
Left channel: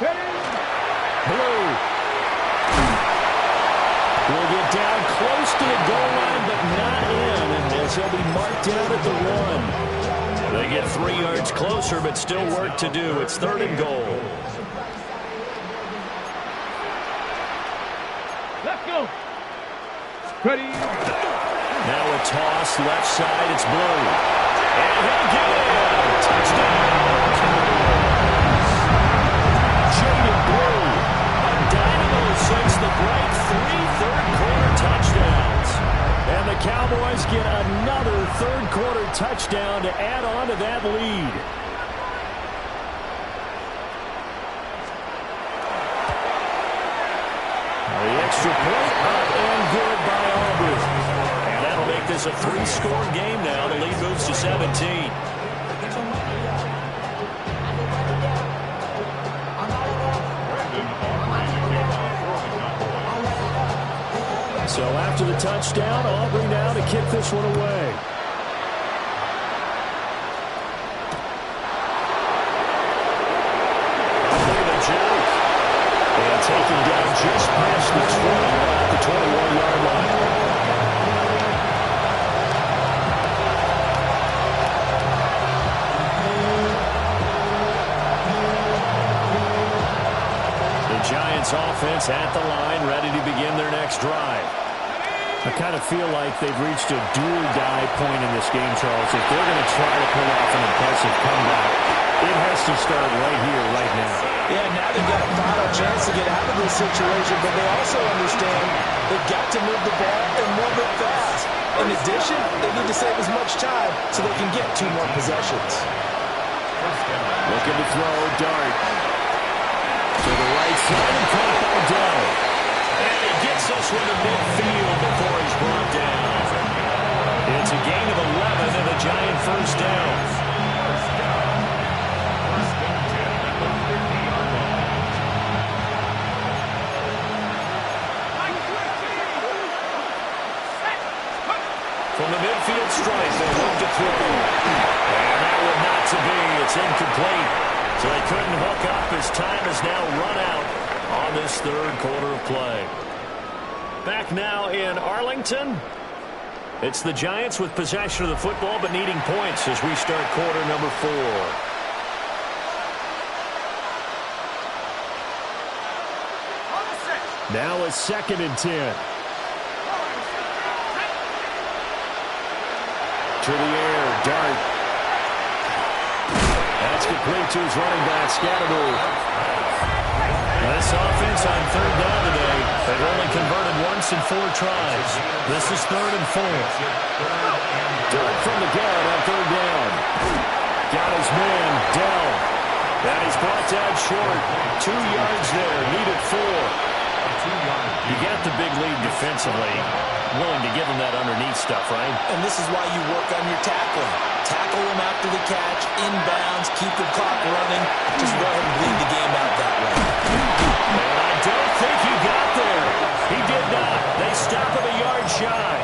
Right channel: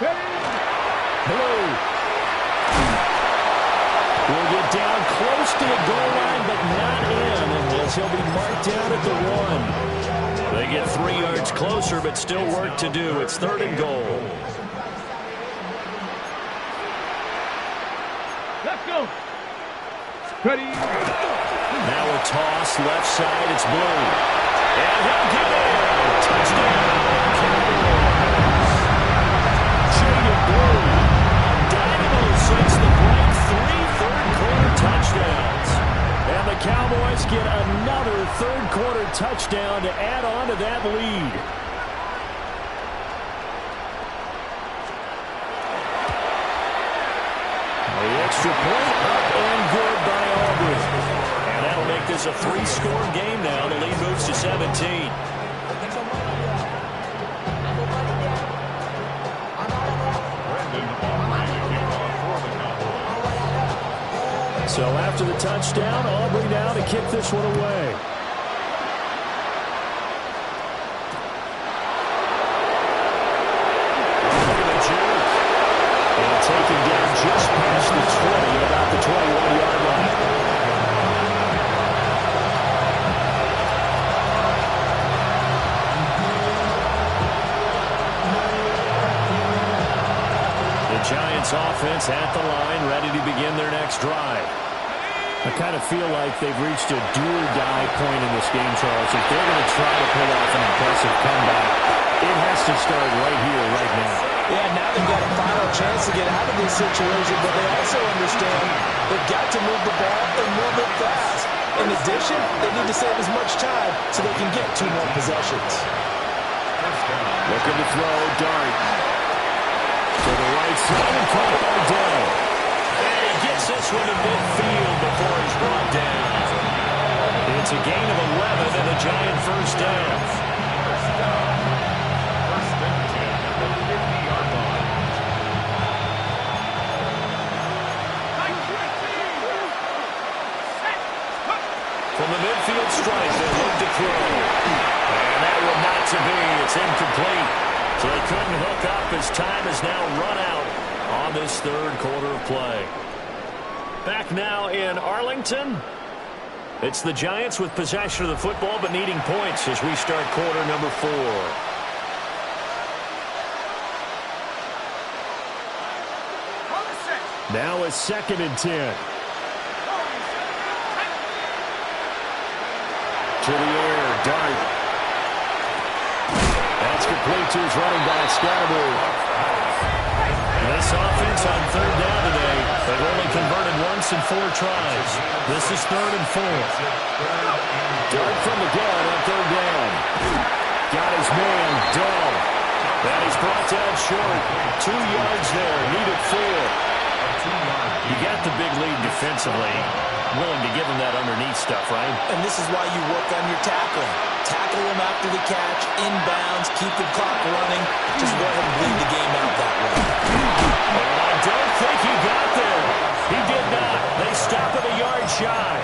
Ready? Blue will get down close to the goal line, but not in, and as he'll be marked down at the 1. They get 3 yards closer, but still work to do. It's 3rd and goal. Let's go. Ready? Now a toss, left side, it's Blue. And he'll get in. Touchdown. Jaden Blue, a dynamo since the bright 3 third-quarter touchdowns. And the Cowboys get another third-quarter touchdown to add on to that lead. The extra point up and good by Aubrey. And that'll make this a 3-score game now. The lead moves to 17. So after the touchdown, Aubrey now to kick this one away. Oh, look at the juke. And taken down just past the 20 at about the 21-yard line. The Giants offense at the line, ready to begin their next drive. I kind of feel like they've reached a do-or-die point in this game, Charles. If they're going to try to pull off an impressive comeback, it has to start right here, right now. Yeah, now they've got a final chance to get out of this situation, but they also understand they've got to move the ball and move it fast. In addition, they need to save as much time so they can get 2 more possessions. Looking to throw, Dart. To the right side and caught by Dell. And he gets this one to midfield before he's brought down. It's a gain of 11 and a Giant first down. First down. 1st and 10 at the 50-yard line. From the midfield stripe, they look to throw. And that one not to be. It's incomplete. So they couldn't hook up as time has now run out on this 3rd quarter of play. Back now in Arlington. It's the Giants with possession of the football but needing points as we start quarter number 4. Now it's 2nd and 10. To the air, Dart. That's complete to his running back, Scatterbury. This offense on 3rd down today, they've only converted once in 4 tries. This is 3rd and 4. Dart from the gun on 3rd down. Got his man, Dell. And he's brought down short. 2 yards there, needed 4. You got the big lead defensively. Willing to give him that underneath stuff, right? And this is why you work on your tackling. Tackle him after the catch, inbounds, keep the clock running. Just go ahead and bleed the game out that way. And I don't think he got there. He did not. They stop him a yard shy.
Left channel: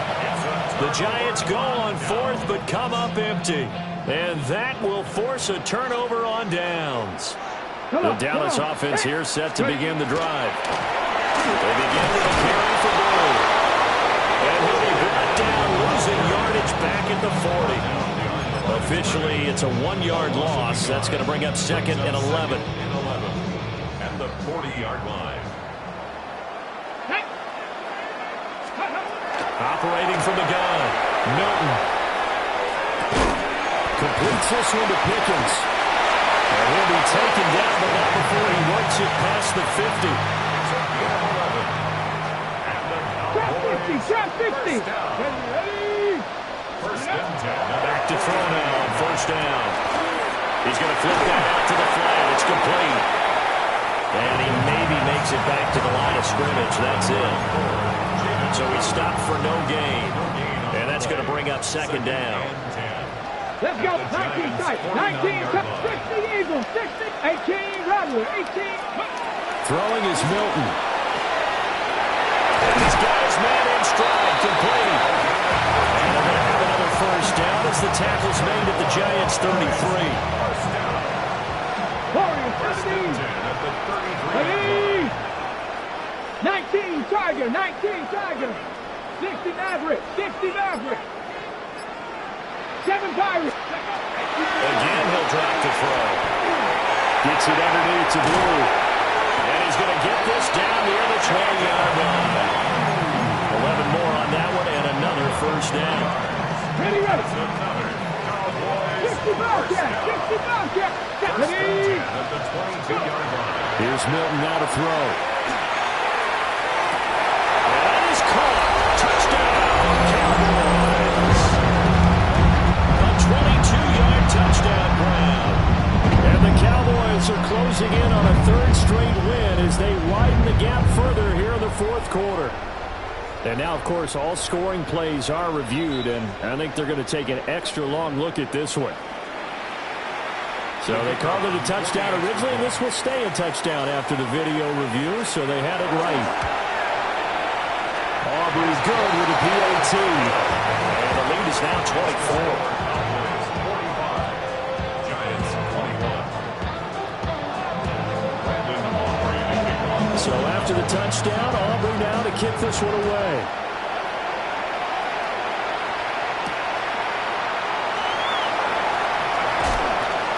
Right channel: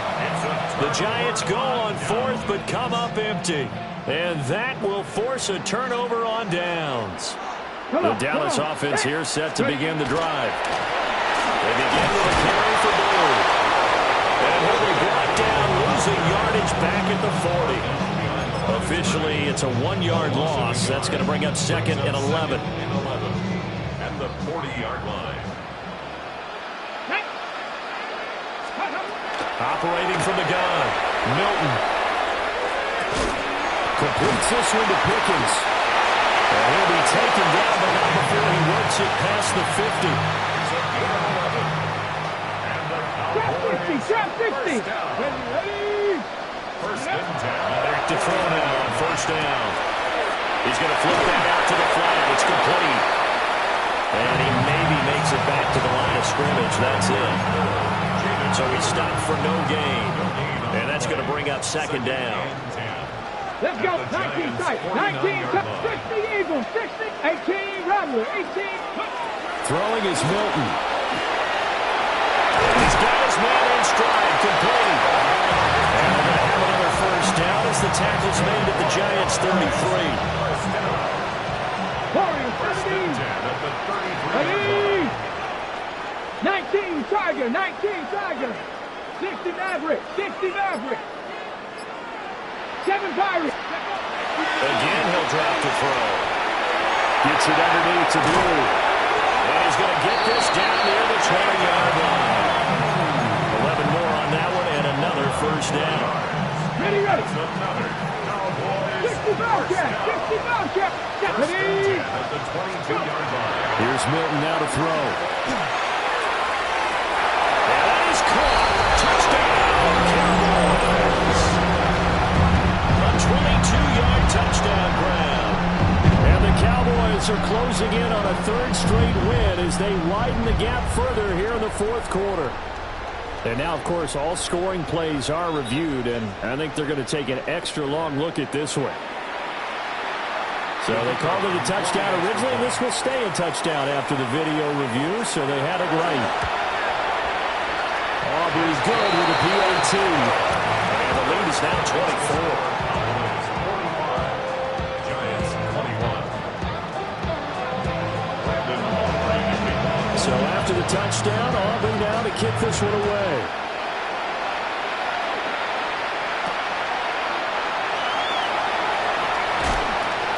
The Giants go on fourth, but come up empty. And that will force a turnover on downs. The Dallas offense here set to begin the drive. They begin with a carry for Blue. And he'll be brought down, losing yardage back at the 40. Officially, it's a 1-yard loss. That's going to bring up second and 11. And the 40-yard line. Operating from the gun, Milton. Completes this one to Pickens. And he'll be taken down, but not before he works it past the 50. Trap 50. Ready. First and 10. Back to throw now on first down. He's going to flip that out to the flat. It's complete. And he maybe makes it back to the line of scrimmage. That's it. So he stopped for no gain. And that's going to bring up second down. Let's go. 19 tight. 19 tight. 60 Eagles. 60. 18 Rattler. 18. Throwing is Milton. And he's got his man in stride, complete. And they're going to have another first down as the tackle's made at the Giants' 33. Warriors, 17. At the 33. Ready. 19 Tiger. 19 Tiger. 60 Maverick. 60 Maverick. 7 Pirates. Again, he'll drop to throw. Gets it underneath to Blue. And he's going to get this down near the 20-yard line. 11 more on that one and another first down. Ready. Another Cowboys 60 Bobcat. 60 Bobcat. Ready. at the 22-yard line. Here's Milton now to throw. And that is caught. Touchdown, Cowboys. A 22-yard touchdown grab. And the Cowboys are closing in on a third straight win as they widen the gap further here in the fourth quarter. And now, of course, all scoring plays are reviewed, and I think they're going to take an extra long look at this one. So they called it a touchdown originally, and this will stay a touchdown after the video review, so they had it right. Aubrey's good with a PAT. And the lead is now 24. Cowboys 45. Giants 21. Brandon Aubrey to kick off. So after the touchdown, Aubrey now to kick this one away.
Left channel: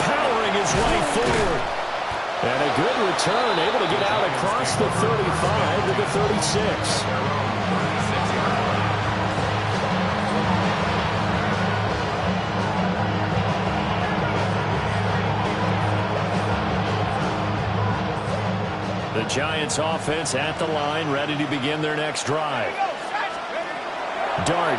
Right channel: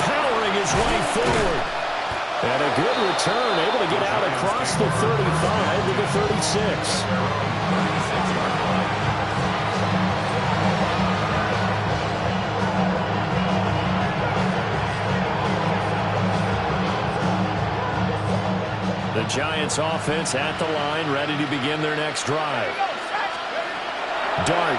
Powering his way forward. And a good return, able to get out across the 35 to the 36. The Giants offense at the line, ready to begin their next drive. Dart,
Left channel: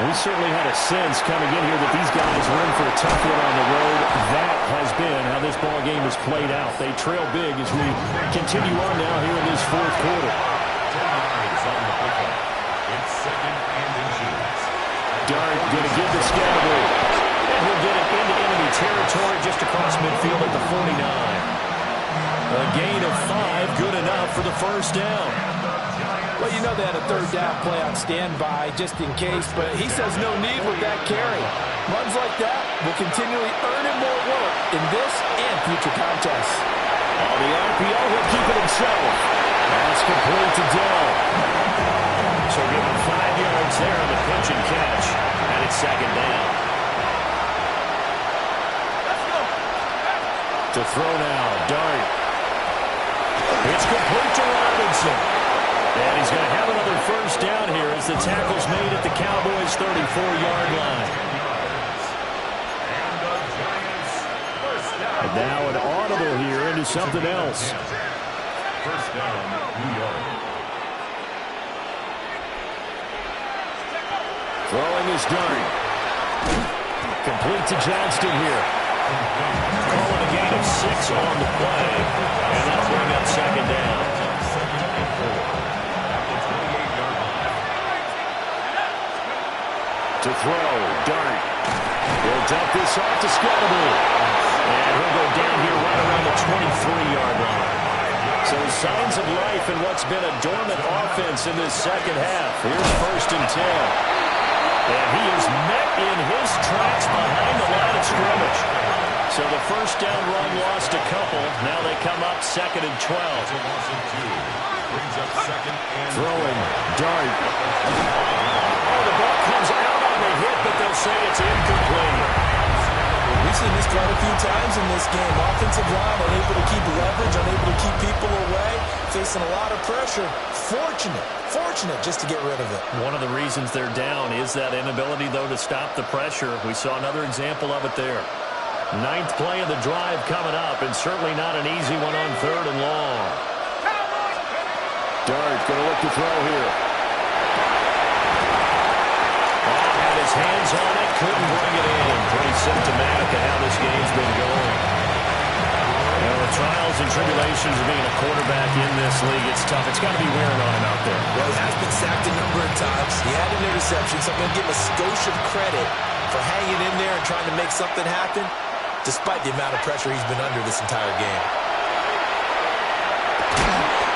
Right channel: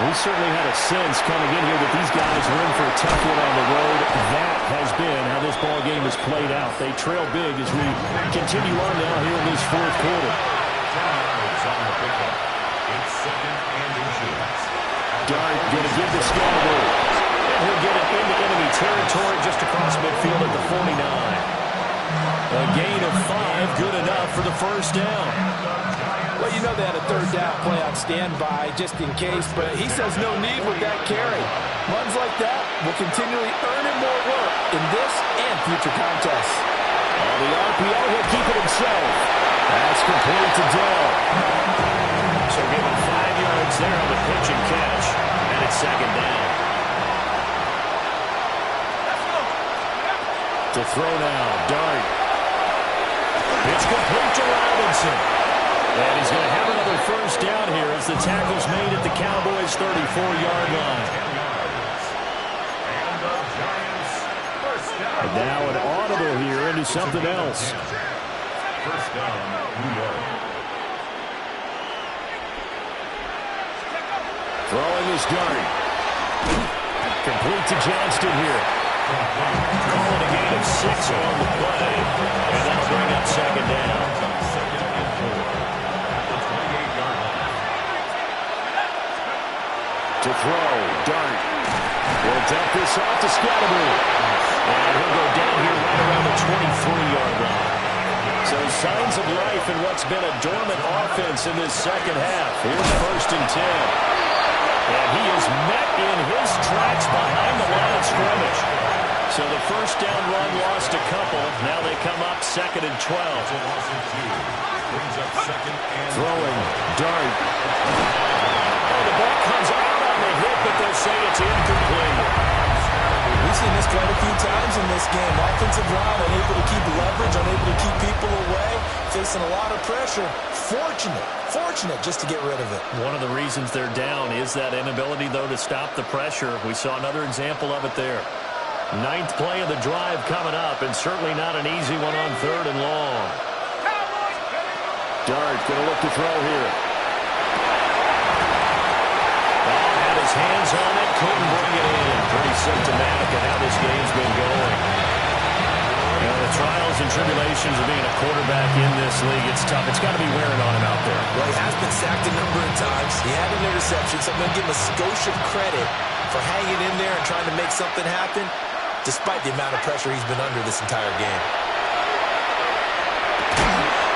we certainly had a sense coming in here that these guys were in for a tough one on the road. That has been how this ball game has played out. They trail big as we continue on now here in this fourth quarter. 10 yards on the pickup. It's second and inches. Dart going to give the Scatterboot. And he'll get it into enemy territory just across midfield at the 49. A gain of 5, good enough for the first down. Well, you know they had a third down play on standby just in case, but he says no need with that carry. Runs like that will continually earn him more work in this and future contests. On the RPO, he'll keep it himself. That's complete to Dell. So give him 5 yards there on the pitch and catch, and it's second down. Let's go. To throw now, Dart. It's complete to Robinson. And he's going to have another first down here as the tackle's made at the Cowboys' 34-yard line. And the Giants first down. And now an audible here into something else. First down, New York. Throwing is Dart. Complete to Johnston here. Call it a gain of 6 on the play. And that'll bring up second down. Second and 4. To throw, Dart. He'll dump this off to Scatterby. And he'll go down here right around the 23-yard line. So signs of life in what's been a dormant offense in this second half. Here's 1st and 10. And he is met in his tracks behind the line of scrimmage. So the first down run lost a couple. Now they come up 2nd and 12. Brings up 2nd and throwing, Dart. Oh, the ball comes out on the hit, but they'll say it's incomplete. We've seen this quite a few times in this game. Offensive line unable to keep leverage, unable to keep people away, facing a lot of pressure. Fortunate just to get rid of it. One of the reasons they're down is that inability, though, to stop the pressure. We saw another example of it there. 9th play of the drive coming up, and certainly not an easy one on 3rd and long. Dart going to look to throw here. Had his hands on it, couldn't bring it in. Pretty symptomatic of how this game's been going. You know, the trials and tribulations of being a quarterback in this league, it's tough. It's got to be wearing on him out there. Well, he has been sacked a number of times. He had an interception, so I'm going to give him a skosh of credit for hanging in there and trying to make something happen, despite the amount of pressure he's been under this entire game.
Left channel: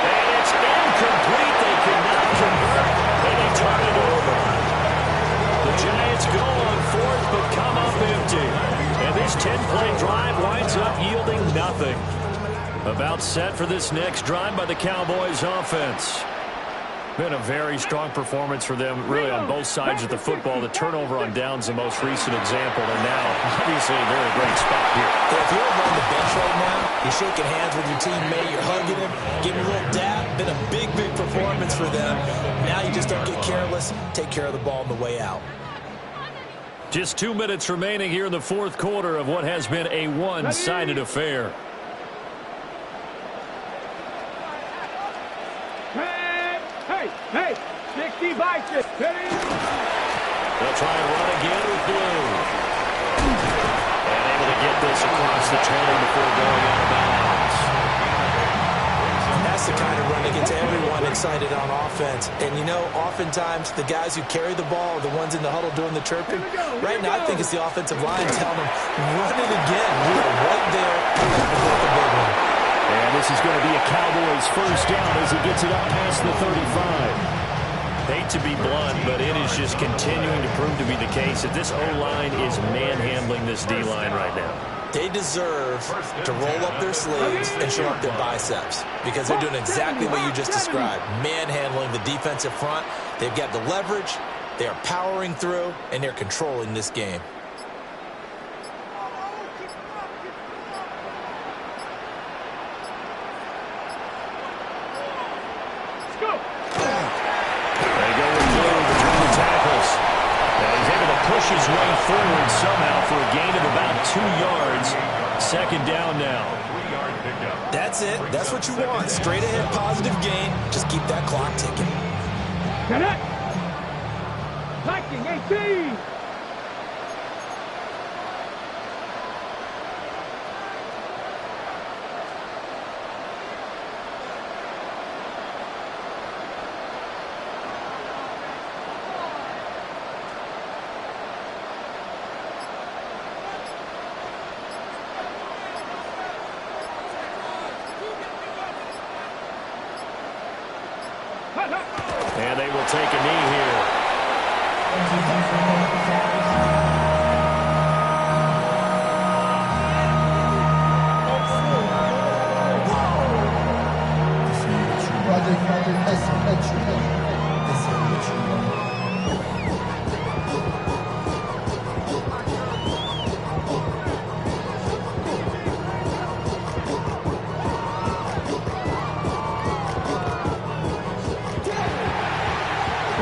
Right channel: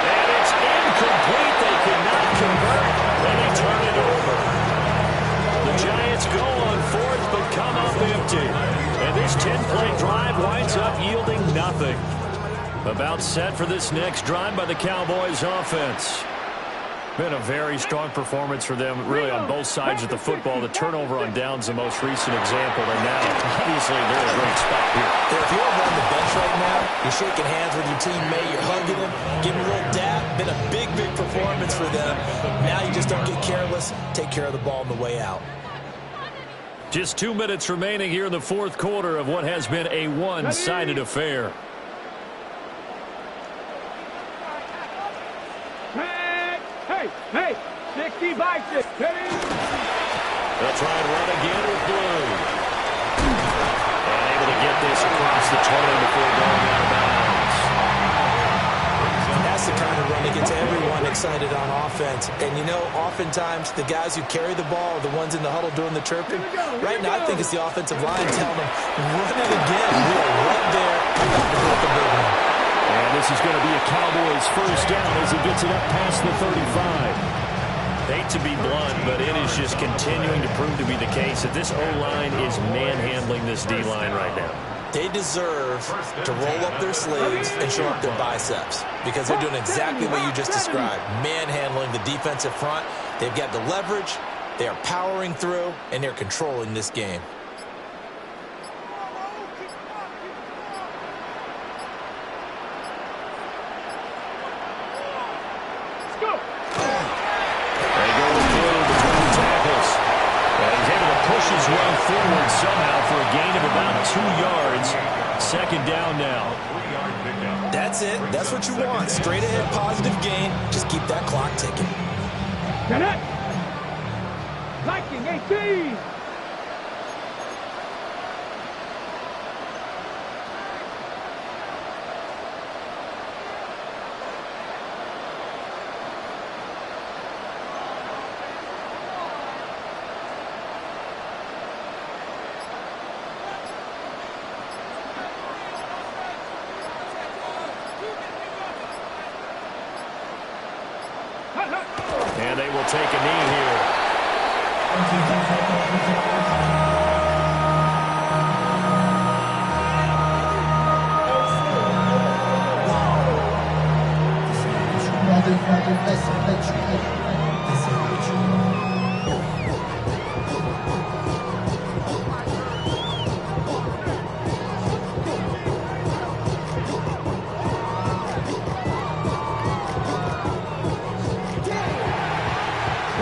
And it's incomplete. They could not convert, and they turn it over. The Giants go on 4th, but come up empty. And this 10-play drive winds up yielding nothing. About set for this next drive by the Cowboys offense. Been a very strong performance for them, really, on both sides of the football. The turnover on downs the most recent example, and now, obviously, they're in a great spot here. Yeah, if you're over on the bench right now, you're shaking hands with your teammate, you're hugging him, giving him a little dap. Been a big performance for them. Now you just don't get careless. Take care of the ball on the way out. Just 2 minutes remaining here in the 4th quarter of what has been a one-sided affair. Hey, 60 by 6. They'll try and run again with Blue. And able to get this across the 20 before going out of bounds. That's the kind of run that gets everyone excited on offense. And, you know, oftentimes the guys who carry the ball are the ones in the huddle doing the chirping. Right now, I think it's the offensive line telling them, run it again. We are right there about to break a big one. And this is going to be a Cowboys first down as he gets it up past the 35. Hate to be blunt, but it is just continuing to prove to be the case that this O-line is manhandling this D-line right now. They deserve to roll up their sleeves and show up their biceps because they're doing exactly what you just described, manhandling the defensive front. They've got the leverage, they are powering through, and they're controlling this game. They go with Blue between the tackles. He's able to push his way forward somehow for a gain of about 2 yards. 2nd down now. That's it. That's what you want. Straight ahead, positive gain. Just keep that clock ticking. Get it. Viking 18. And they will take a knee here.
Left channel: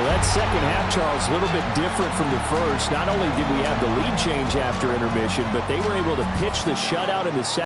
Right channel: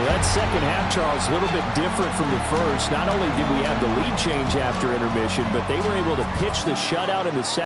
That second half, Charles, a little bit different from the first. Not only did we have the lead change after intermission, but they were able to pitch the shutout in the second.